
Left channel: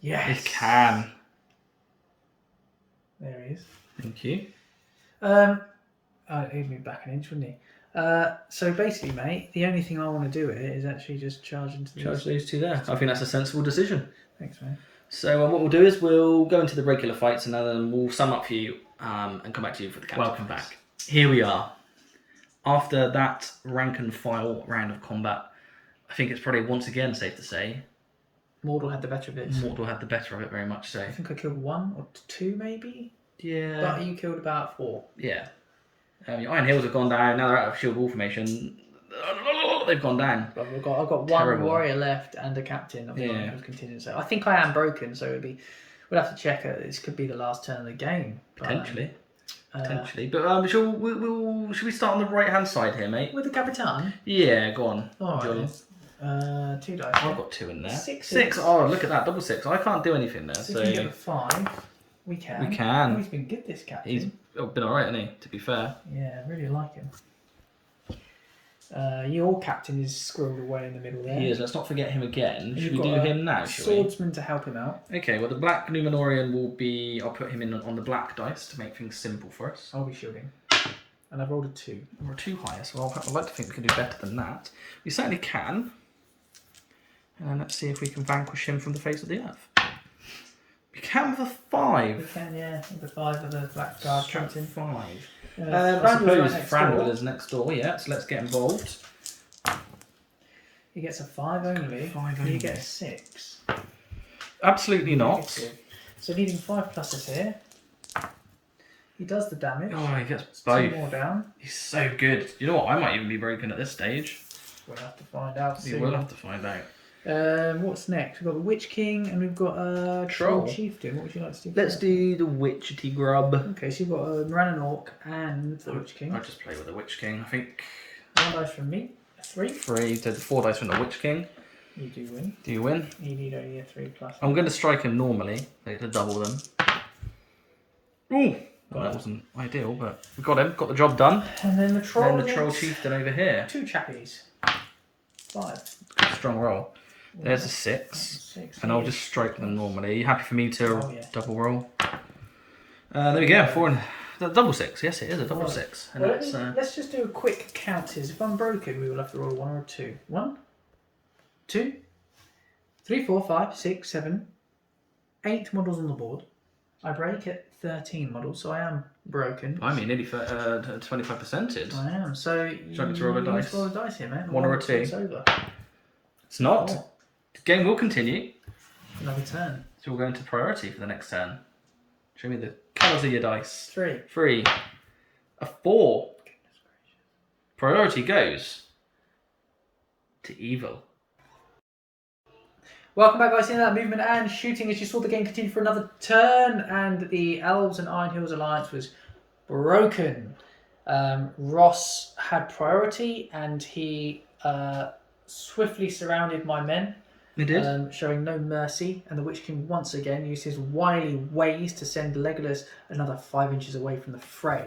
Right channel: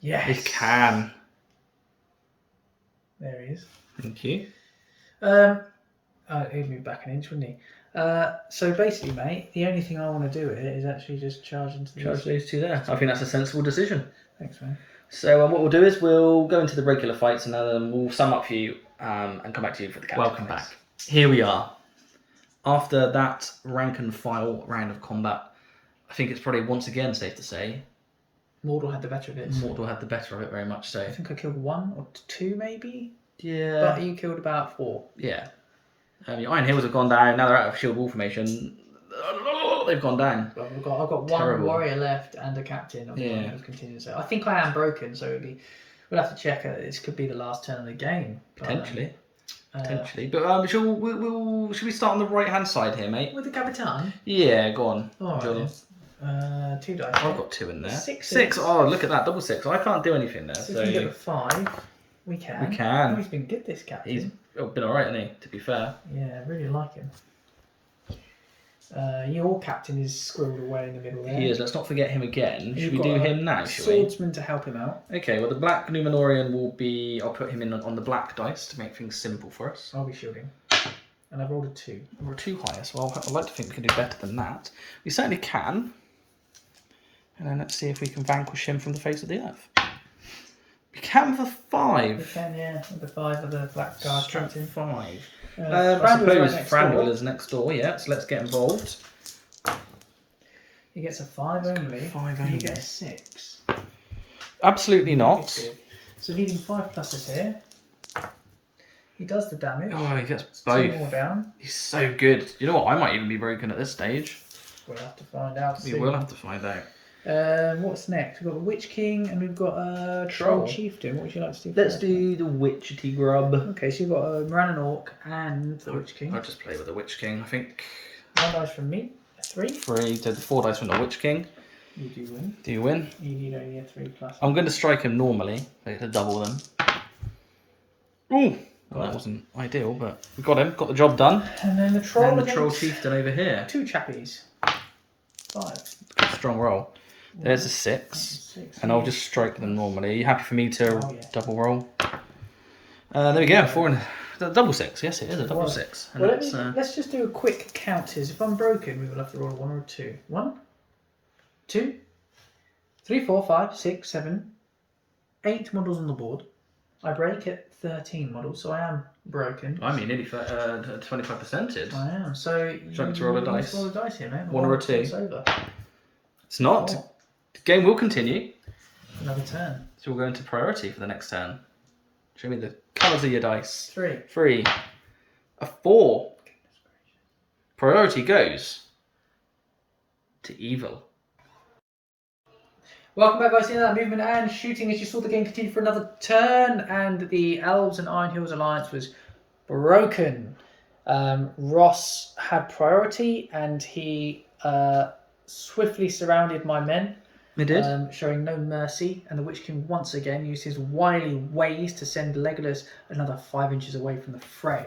Yes. He can. There he is. Thank you. He'd move back an inch, wouldn't he? So basically, mate, the only thing I want to do with it is actually just charge into these. Charge those two there. I think that's a sensible decision. Thanks, man. So what we'll do is we'll go into the regular fights and then we'll sum up for you and come back to you for the captain. Welcome back. Here we are. After that rank and file round of combat, I think it's probably once again safe to say Mordor had the better of it. Mordor had the better of it, very much so. I think I killed 1 or 2 maybe. Yeah. But you killed about 4. Yeah. Your Iron Hills have gone down. Now they're out of shield wall formation. They've gone down. But I've got Terrible. 1 warrior left and a captain of the Yeah. Iron Hills contingent. So I think I am broken. So we'll have to check it. This could be the last turn of the game. Potentially. Potentially. But should we start on the right hand side here, mate? With the Capitan? Yeah, go on. Alright Jordan. then. 2 dice. I've got 2 in there. 6. 6. Oh, look at that. Double 6. I can't do anything there. So if we can get the 5, we can. We can. Oh, he's been good, this captain. He's been alright, hasn't he? To be fair. Yeah, I really like him. Your captain is squirreled away in the middle there. He is. Let's not forget him again. Should You've we got do a him now, shall we? Swordsman to help him out. Okay, well, the black Numenorian will be... I'll put him in on the black dice to make things simple for us. I'll be shielding. And I've rolled a 2. We're 2 higher, so I'd like to think we can do better than that. We certainly can. And then let's see if we can vanquish him from the face of the earth. We can with a 5. We can, yeah. With the 5 of the black guard Strength captain. 5. I Thranduil's suppose right next Thranduil door. is next door, yeah, so let's get involved. He gets a 5 only. 5 You only. get a 6. Absolutely not. So needing 5 pluses here. He does the damage. Oh, he gets 2 both. more down. He's so good. You know what? I might even be broken at this stage. We'll have to find out We soon. will have to find out. What's next? We've got the Witch King and we've got a Troll Troll. Chieftain. What would you like to do? Let's first? do the Witchetty Grub. Okay, so you've got a Moran Orc and the Witch King. I'll just play with the Witch King. I think 1 dice from me. A 3. 3 to the 4 dice from the Witch King. You do win. Do you win? You need only a 3 plus. I'm going to strike him normally. To double them. Ooh! Well, that wasn't ideal, but we got him. Got the job done. And then the Troll. And then the Troll against Chieftain over here. 2 chappies. 5. Strong roll. There's a 6. 6. And I'll just strike them normally. Are you happy for me to Oh, yeah. double roll? There we go. 4 and double 6. Yes, it is a double was. 6. And Well, that's, let's just do a quick count. If I'm broken, we will have to roll a 1 or a 2. 1, 2, 3, 4, 5, 6, 7, 8 models on the board. I break at 13 models, so I am broken. I mean, nearly 25%. I am. So you want me to roll a dice? Roll a dice here, man. 1 or a 2? It's over. It's not. 4. The game will continue. Another turn. So we'll go into priority for the next turn. Show me the colours of your dice. 3. 3. A 4. Priority goes to evil. Welcome back, guys, to that movement and shooting as you saw the game continue for another turn, and the Elves and Iron Hills Alliance was broken. Ross had priority and he swiftly surrounded my men. It did. Showing no mercy, and the Witch King once again used his wily ways to send Legolas another 5 inches away from the fray.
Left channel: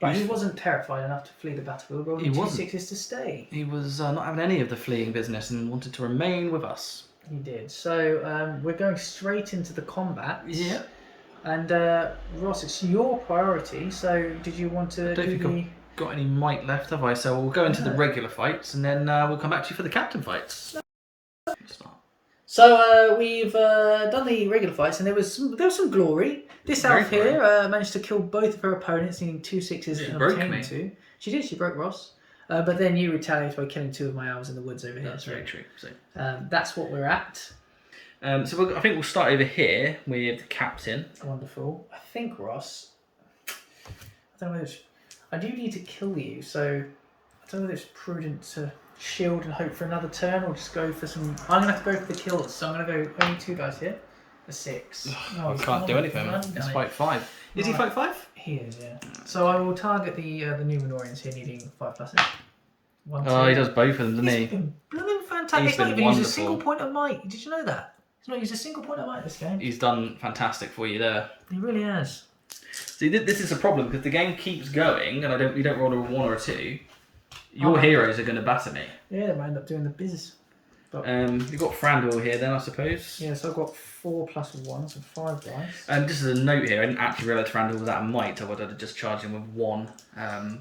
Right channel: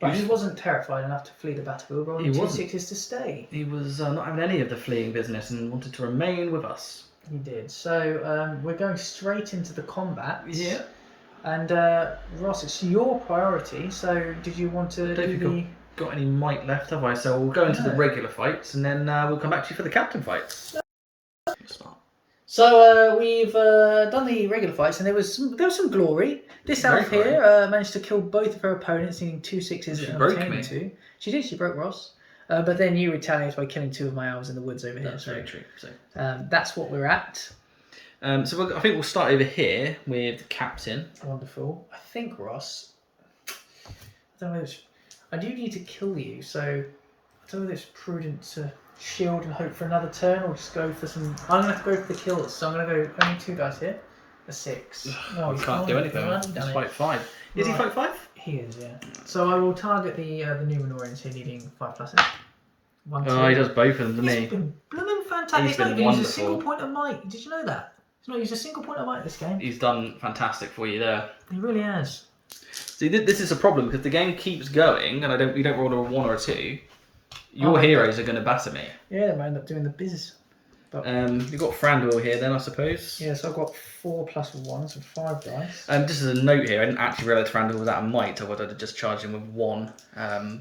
But he wasn't terrified enough to flee the battlefield, rolling He 2 wasn't. 6s to stay. He was not having any of the fleeing business and wanted to remain with us. He did. So we're going straight into the combat. Yeah. And Ross, it's your priority. So did you want to do the... Got any might left, have I? So we'll go into the No. regular fights and then we'll come back to you for the captain fights. Start. So we've done the regular fights, and there was some glory. This Very elf here managed to kill both of her opponents, needing 2 6s She and broke obtaining me. 2. She did. She broke Ross. But then you retaliated by killing 2 of my elves in the woods over here. That's very true. So, That's what we're at. I think we'll start over here with the captain. Wonderful. I think, Ross, I don't know whether it's... I do need to kill you, so I don't know whether it's prudent to shield and hope for another turn or just go for some... I'm going to have to go for the kills, so I'm going to go only 2 dice here. A 6. I can't do anything. It's fight 5. Is he fight 5? He is, yeah. So I will target the Numenorians here needing 5 pluses. 1, 2. Oh, he does both of them, doesn't he? He's been blooming fantastic. He's not even used a single point of might. Did you know that? He's not used a single point of might this game. He's done fantastic for you there. He really has. See, this is a problem because the game keeps going, and we don't roll a 1 or a 2. Your heroes are going to batter me. Yeah, they might end up doing the biz. But You've got Thranduil here then, I suppose. yeah, so I've got 4 plus 1, so 5 dice. Just as a note here, I didn't actually realise Thranduil was out of might, I would have just charged him with 1.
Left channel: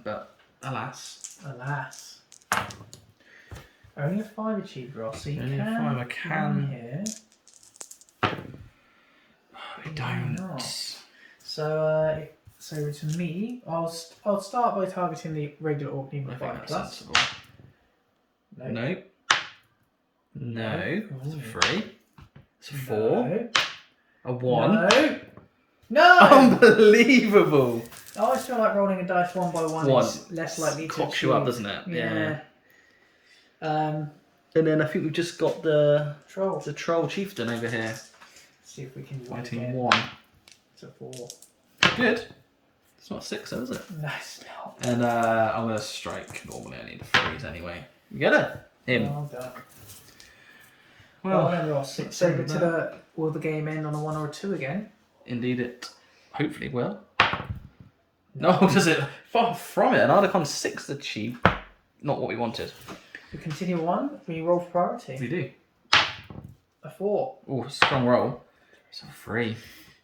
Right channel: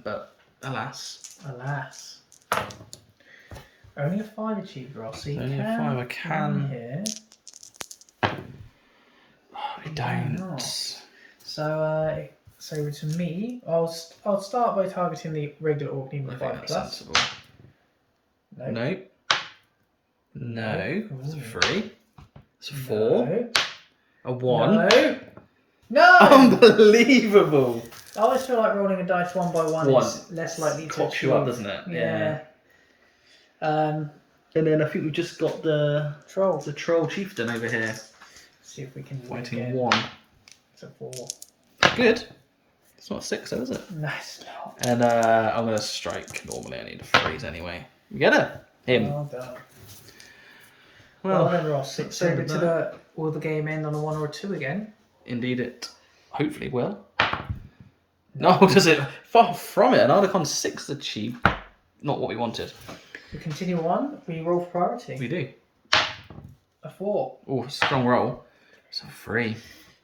But alas. Alas. Only a 5 achieved, Ross. So you Only a can 5, I can. Here. I don't. So to me, I'll start by targeting the regular orc needing I 5 think that's plus. sensible. No. No. It's a 3. It's a 4. No. A 1. No! Unbelievable! I always feel like rolling a dice 1 by 1 is less likely to cocks you up, doesn't it? Yeah. And then I think we've just got the Troll. troll chieftain over here. See if we can Fighting 1. It's a 4. Good. It's not a 6 though, is it? No, it's not. And I'm going to strike. Normally I need a freeze anyway. You get it? Him. Well done. Well, then Ross. So will the game end on a 1 or a 2 again? indeed it hopefully will. No, does it? Far from it. An Articon 6 achieved. Not what we wanted. We continue on. We roll for priority. We do. A 4. Oh, strong roll. It's a 3.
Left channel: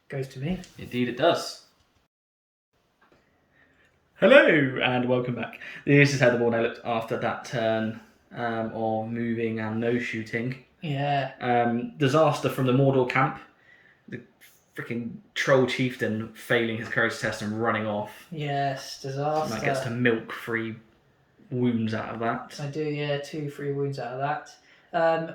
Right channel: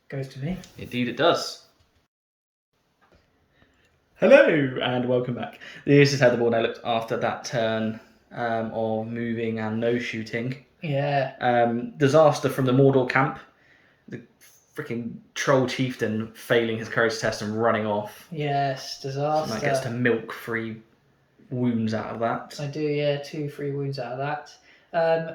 Goes to me. Indeed it does. Hello and welcome back. This is how the board now looked after that turn of moving and no shooting. Yeah. Disaster from the Mordor camp. The freaking troll chieftain failing his courage test and running off. Yes, disaster. And that gets to milk 3 wounds out of that. I do, yeah, 2 free wounds out of that.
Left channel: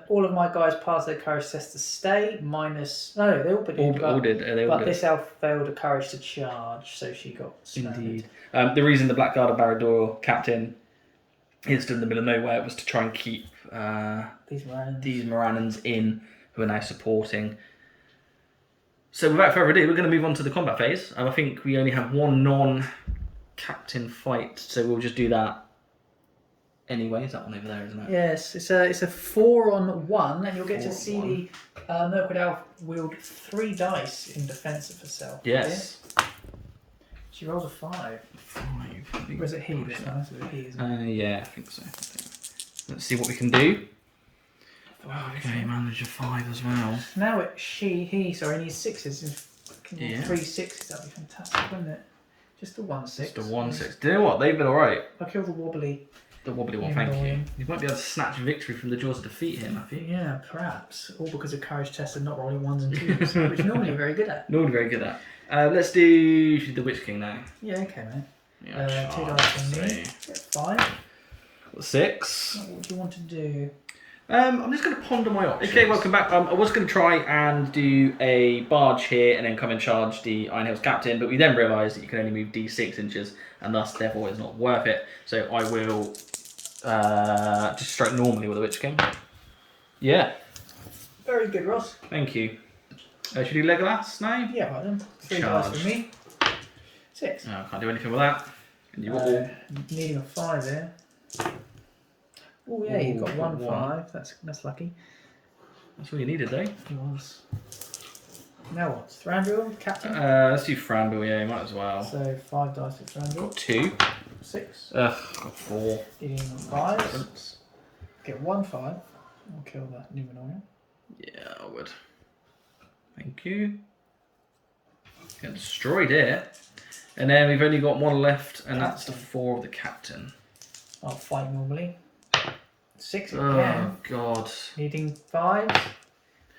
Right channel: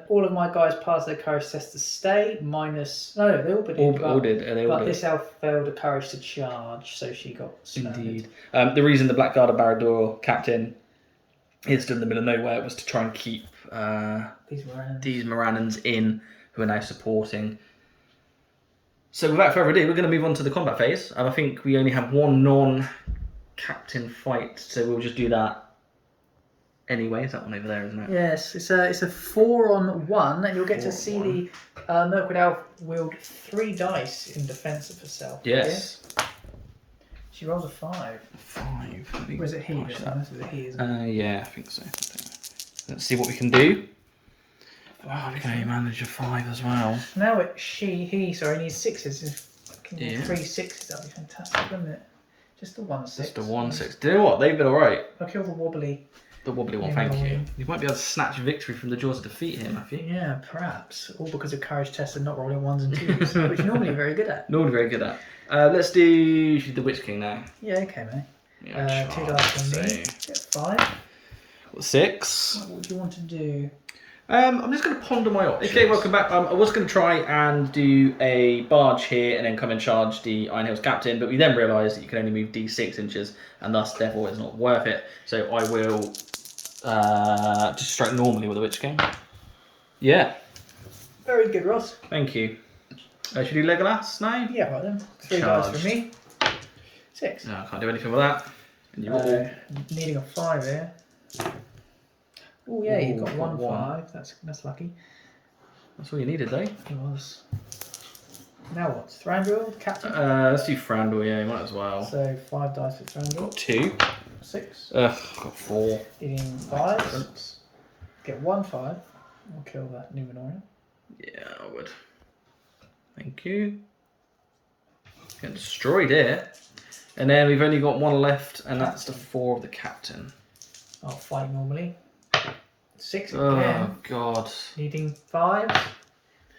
All of my guys passed their courage test to stay, minus... No, they all did. All did. But this elf failed a courage to charge, so she got surrounded. Indeed. The reason the Blackguard of Barad-dûr captain is stood in the middle of nowhere was to try and keep these Morannons in, who are now supporting. So without further ado, we're going to move on to the combat phase. And I think we only have 1 non-captain fight, so we'll just do that anyway. Is that one over there, isn't it? Yes, it's a 4-on-1, and you'll get to see the Mirkwood elf wield 3 dice in defence of herself. Yes. Yeah? She rolls a 5. 5. Or is it he? This one? This is a he, isn't it? Yeah, I think so. Let's see what we can do. Wow, okay, manage a 5 as well. Now he needs 6s. If I can roll 3 6s, that'd be fantastic, wouldn't it? Just the 1 6. Just the 1 6. Do you know what? They've been alright. I'll kill the wobbly. The wobbly one, thank you. You might be able to snatch victory from the jaws of defeat here, Matthew. Yeah, perhaps. All because of courage tests and not rolling 1s and 2s, which normally you're very good at. Normally very good at. Let's do the Witch King now. Yeah, okay, mate. Yeah, 2 dice from me. Get 5. What, 6? What do you want to do? I'm just going to ponder my options. Okay, welcome back. I was going to try and do a barge here and then come and charge the Iron Hills captain, but we then realised that you can only move D6 inches, and thus, therefore, it's not worth it. So I will just strike normally with the Witch King. Yeah. Very good, Ross. Thank you. Should we do Legolas now? Yeah, right then. 3 Charge. dice for me. 6. No, I can't do anything with that. And you all. Needing a 5 here. Oh yeah, you've got got 1 1. 5. That's lucky. That's all you needed, though. It was. Now what? Thranduil, captain. Let's do Thranduil, yeah, might as well. So 5 dice for Thranduil. Got 2. 6. Got 4. Needing 5. Get 1 5. I'll kill that Numenorian. Yeah, I would. Thank you. Get destroyed here. And then we've only got 1 left, and that's the 4 of the captain. I'll fight normally. 6 Oh, again. God. Needing 5.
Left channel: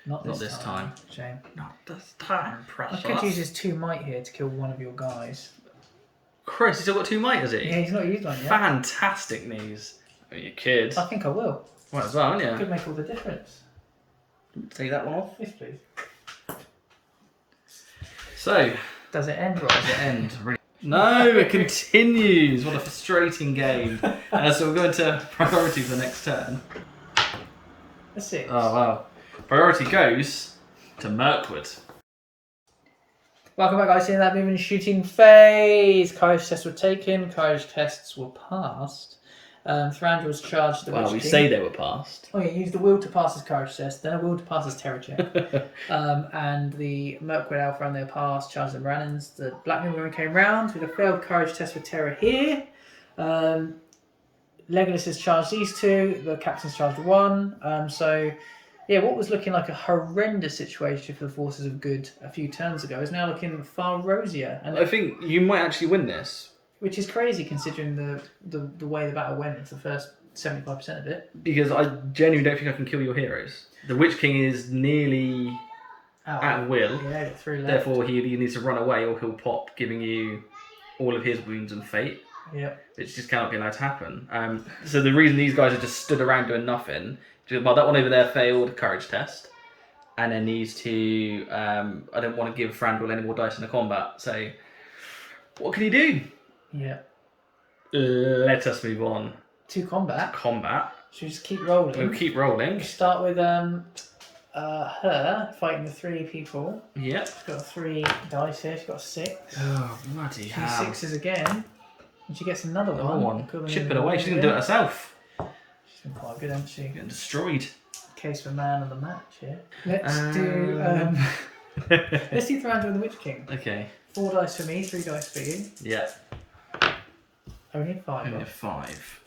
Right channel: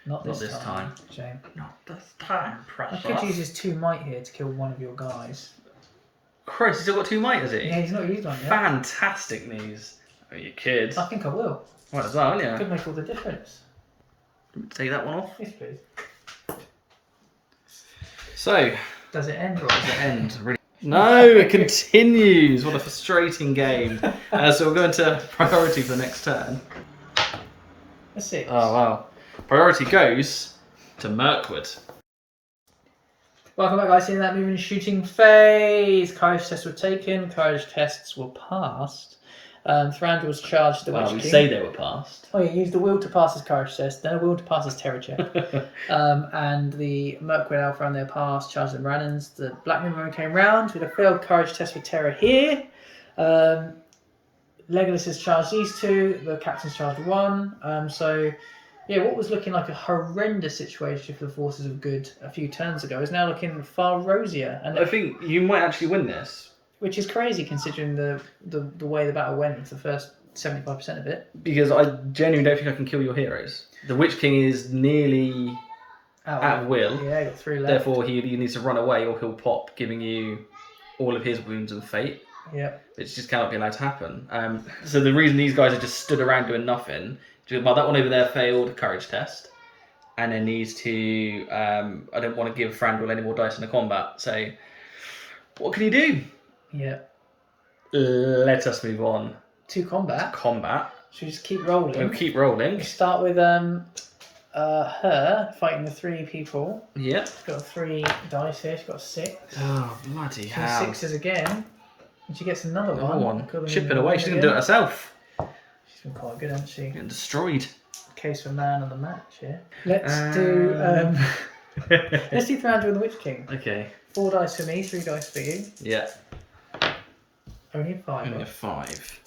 Not this time. Shame. Not this time, I precious. could use his 2 might here to kill one of your guys. Christ, he's still got 2 might, has he? Yeah, he's not used one yet. Fantastic news. Oh, you kid. I think I will. Might as well, wouldn't you? Could make all the difference. Take that one off. Yes, please. So, Does it end right? does it end? Really? No, it continues. What a frustrating game. So we'll go into priority for the next turn. A 6. Oh, wow. Priority goes to Mirkwood. Welcome back, guys. In that movement shooting phase, courage tests were taken, courage tests were passed. Thranduil's charged the Witch King. We say they were passed. Oh, he used the will to pass his courage test, then a will to pass his terror check. And the Mirkwood elf ran their pass, charged the Morannons. The Black Moon came round with a failed courage test for terror here. Legolas has charged these two. The captain's charged one. What was looking like a horrendous situation for the forces of good a few turns ago is now looking far rosier. And I think you might actually win this. Which is crazy considering the way the battle went for the first 75% of it. Because I genuinely don't think I can kill your heroes. The Witch King is nearly at will. Yeah, got 3 left. Therefore, he either needs to run away or he'll pop, giving you all of his wounds and fate. Yeah. Which just cannot be allowed to happen. So the reason these guys are just stood around doing nothing, well, that one over there failed a courage test. And then these two, I don't want to give Thranduil any more dice in the combat. So, what can he do? Yeah. Let us move on. To combat. Combat. Should we just keep rolling? We'll keep rolling. We start with her fighting the 3 people. Yeah. She's got 3 dice here. She's got 6. Oh, bloody 2 hell. 6s again. And she gets another Another one. Chipping away. She's going to do it herself. She's been quite good, hasn't she? Getting destroyed. Case for man of the match here. Let's do Thranduil and the Witch King. Okay. 4 dice for me, 3 dice for you. Yeah. Only a 5. Only a 5.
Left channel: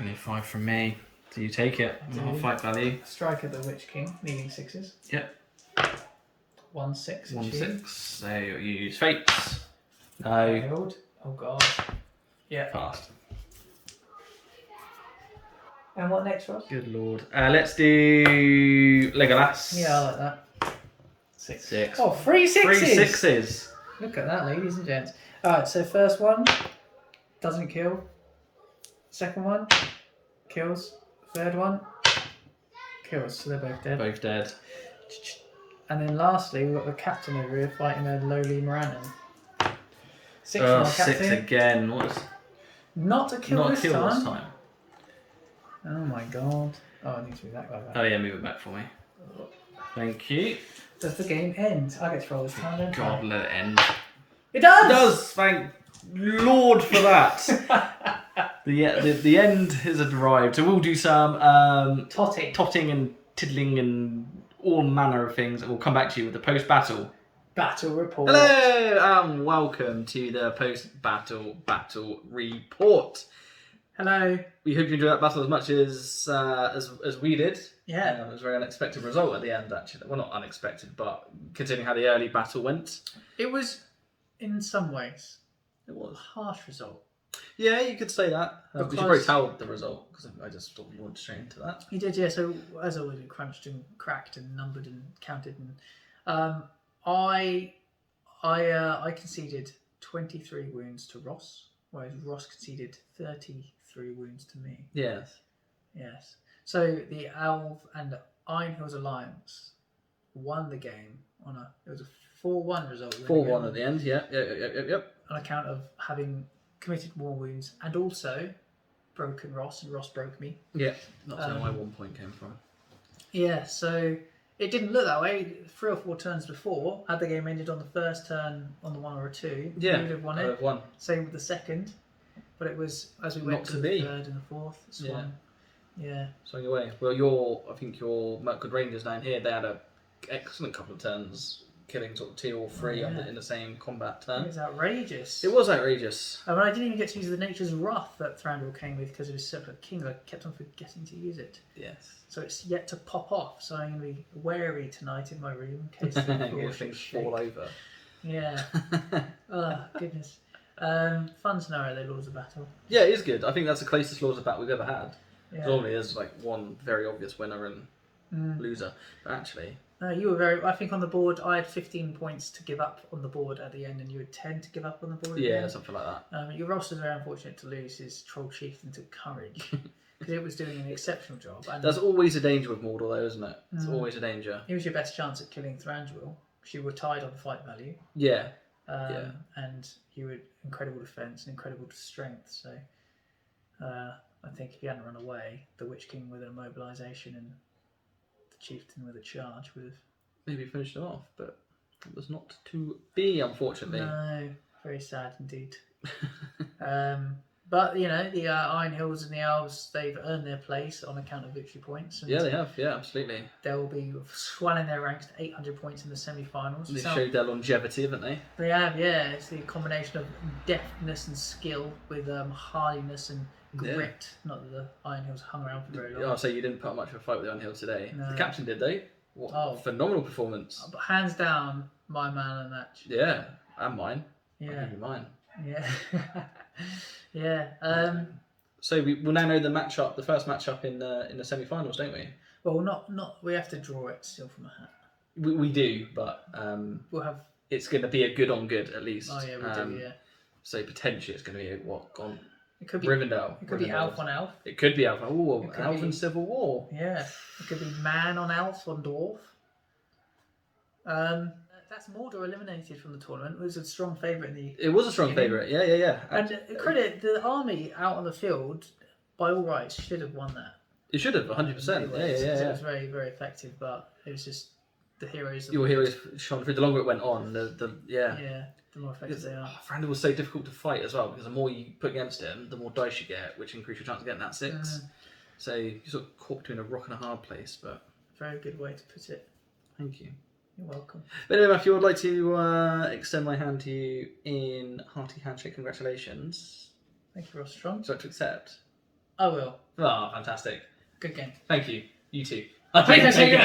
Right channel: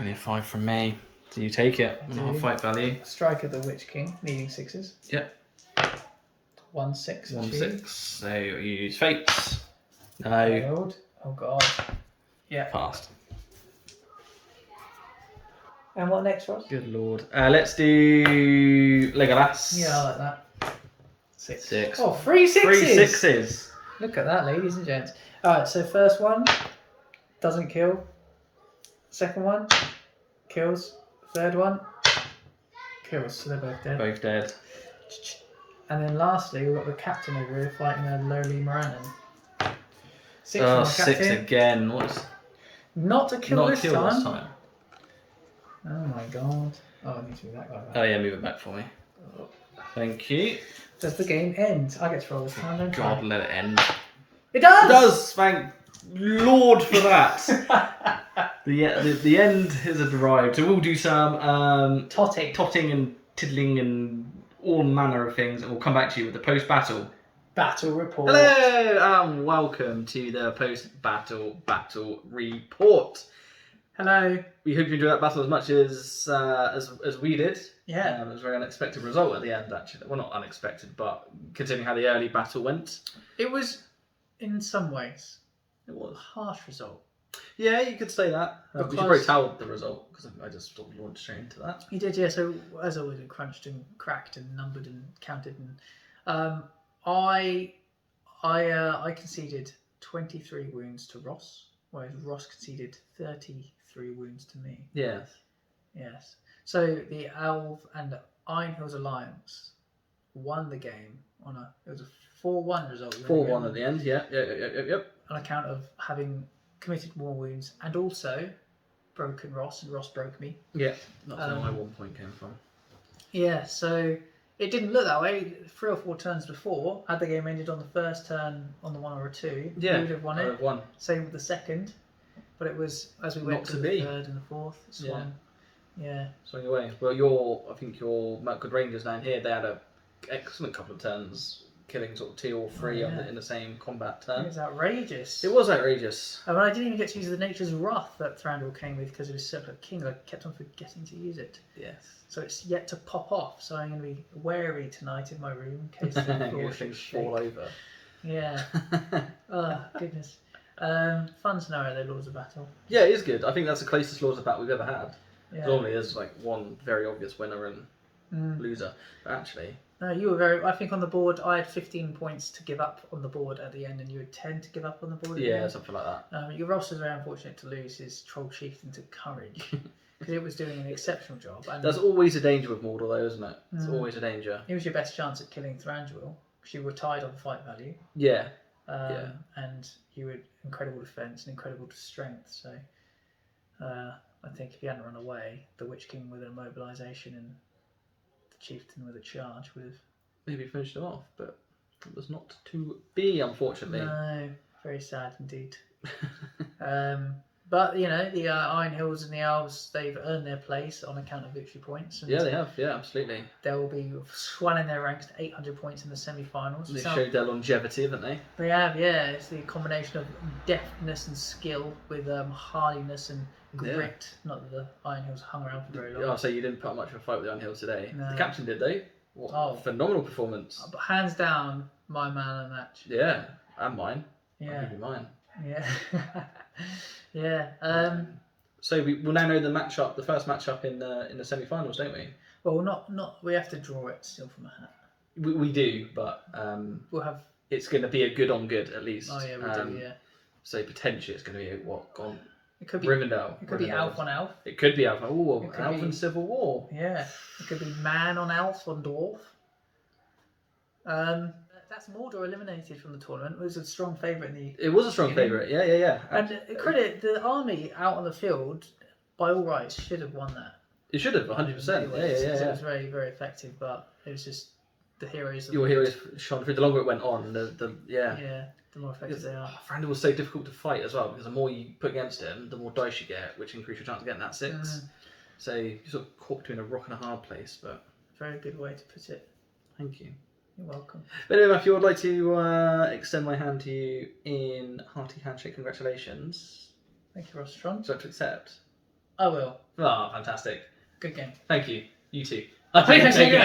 Only a 5 from me. So you take it. Not a fight value. Strike of the Witch King, needing 6s. Yep. 1 6. 1 6. So you use fates. No. Failed. Oh god. Yeah. Passed. And what next, Ross? Good lord. Let's do Legolas. Yeah, I like that. 6. Oh, 3 6s. 3 6s. Look at that, ladies and gents. Alright, so first one doesn't kill. Second one kills. Third one kills. So they're both dead. Both dead. And then lastly, we've got the captain over here fighting a lowly Morannon. 6 Oh, from our 6 captain. again. What's Not a kill, not a this, kill time. this time? Oh my god. Oh, I need to move that guy back. Oh yeah, move it back for me. Thank you. Does the game end? I get to roll this time, don't God, I? let it end. It does! It does! Thank Lord for that. the end has arrived. So we'll do some totting and tiddling and all manner of things, and we'll come back to you with the post-battle battle report. Hello and welcome to the post-battle battle report. Hello. We hope you enjoyed that battle as much as we did. Yeah. It was a very unexpected result at the end, actually. Well, not unexpected, but considering how the early battle went. It was, in some ways, It was. a harsh result. Yeah, you could say that. We should Because- probably tell the result, because I just sort of launched straight into that. You did, yeah. So, as always, we crunched and cracked and numbered and counted. And I conceded 23 wounds to Ross, whereas Ross conceded 33 wounds to me. Yes. Yes. So the Alv and Iron Hills Alliance won the game it was a 4-1 result. 4-1 at the end, yep. On account of having committed more wounds and also broken Ross, and Ross broke me. Yeah, that's where my 1 point came from. Yeah, so it didn't look that way. 3 or 4 turns before, had the game ended on the first turn on the 1 or a 2, you would have won I would it. have won. Same with the second, but it was as we went Not to to the be. third and the fourth. It swung. Yeah. Swing away. Well, I think your Mirkwood Rangers down here, they had a excellent couple of turns, killing sort of 2 or 3 in the same combat It turn. was outrageous. It was outrageous. And I didn't even get to use the Nature's Wrath that Thranduil came with because it was Separate King. I kept on forgetting to use it. Yes. So it's yet to pop off. So I'm going to be wary tonight in my room in case the floor Things shake. fall over. Yeah. Oh, goodness. Fun scenario though, Lords of Battle. Yeah, it is good. I think that's the closest Lords of Battle we've ever had. Yeah. Normally there's like one very obvious winner and loser. But actually... No, you were very... I think on the board, I had 15 points to give up on the board at the end, and you had 10 to give up on the board at the end. Something like that. Your Ross was very unfortunate to lose his Troll Chieftain to Courage, because it was doing an exceptional job. And That's always a danger with Mordor though, isn't it? It's always a danger. it was your best chance at killing Thranduil, because you were tied on fight value. Yeah. And you were incredible defence and incredible strength, so I think if you hadn't run away, the Witch King with an immobilisation and the chieftain with a charge with. Maybe finished him off, but it was not to be, unfortunately. No, very sad indeed. But the Iron Hills and the Elves, they've earned their place on account of victory points. And Yeah, they have. Yeah, absolutely. they'll be swelling their ranks to 800 points in the semi-finals. They showed their longevity, haven't they? They have, yeah. It's the combination of deftness and skill with hardiness and grit. Not that the Iron Hills hung around for very long. I'll say you didn't put up much of a fight with the Iron Hills today. No. The captain did, though. What a phenomenal performance. But hands down, my man of the match. Yeah, and mine. Yeah. I'll give you mine. Yeah. Yeah. So we'll now know the first matchup in the semi-finals, don't we? Well, not. We have to draw it still from a hat. We do, but We'll have. it's going to be a good on good at least. Oh yeah, we do. Yeah. So potentially it's going to be gone. It could be Rivendell. It could be Elf on Elf. It could be Elf. Oh, It could Elf be- and Civil War. Yeah. It could be Man on Elf on Dwarf. That's Mordor eliminated from the tournament. It was a strong favourite in the. It was a strong favourite. Yeah. And credit the army out on the field, by all rights, should have won that. It should have 100%. Yeah. It was very, very effective, but it was just the heroes. Your heroes shone through. The longer it went on, the more effective they are. Thranduil was so difficult to fight as well because the more you put against him, the more dice you get, which increase your chance of getting that 6. So you sort of caught between a rock and a hard place. But Very good way to put it. thank you. You're welcome. But anyway, Matthew, I'd like to extend my hand to you in hearty handshake. Congratulations. Thank you, Rostron. So to accept. I will. Ah, fantastic. Good game. Thank you. You too. Thank you.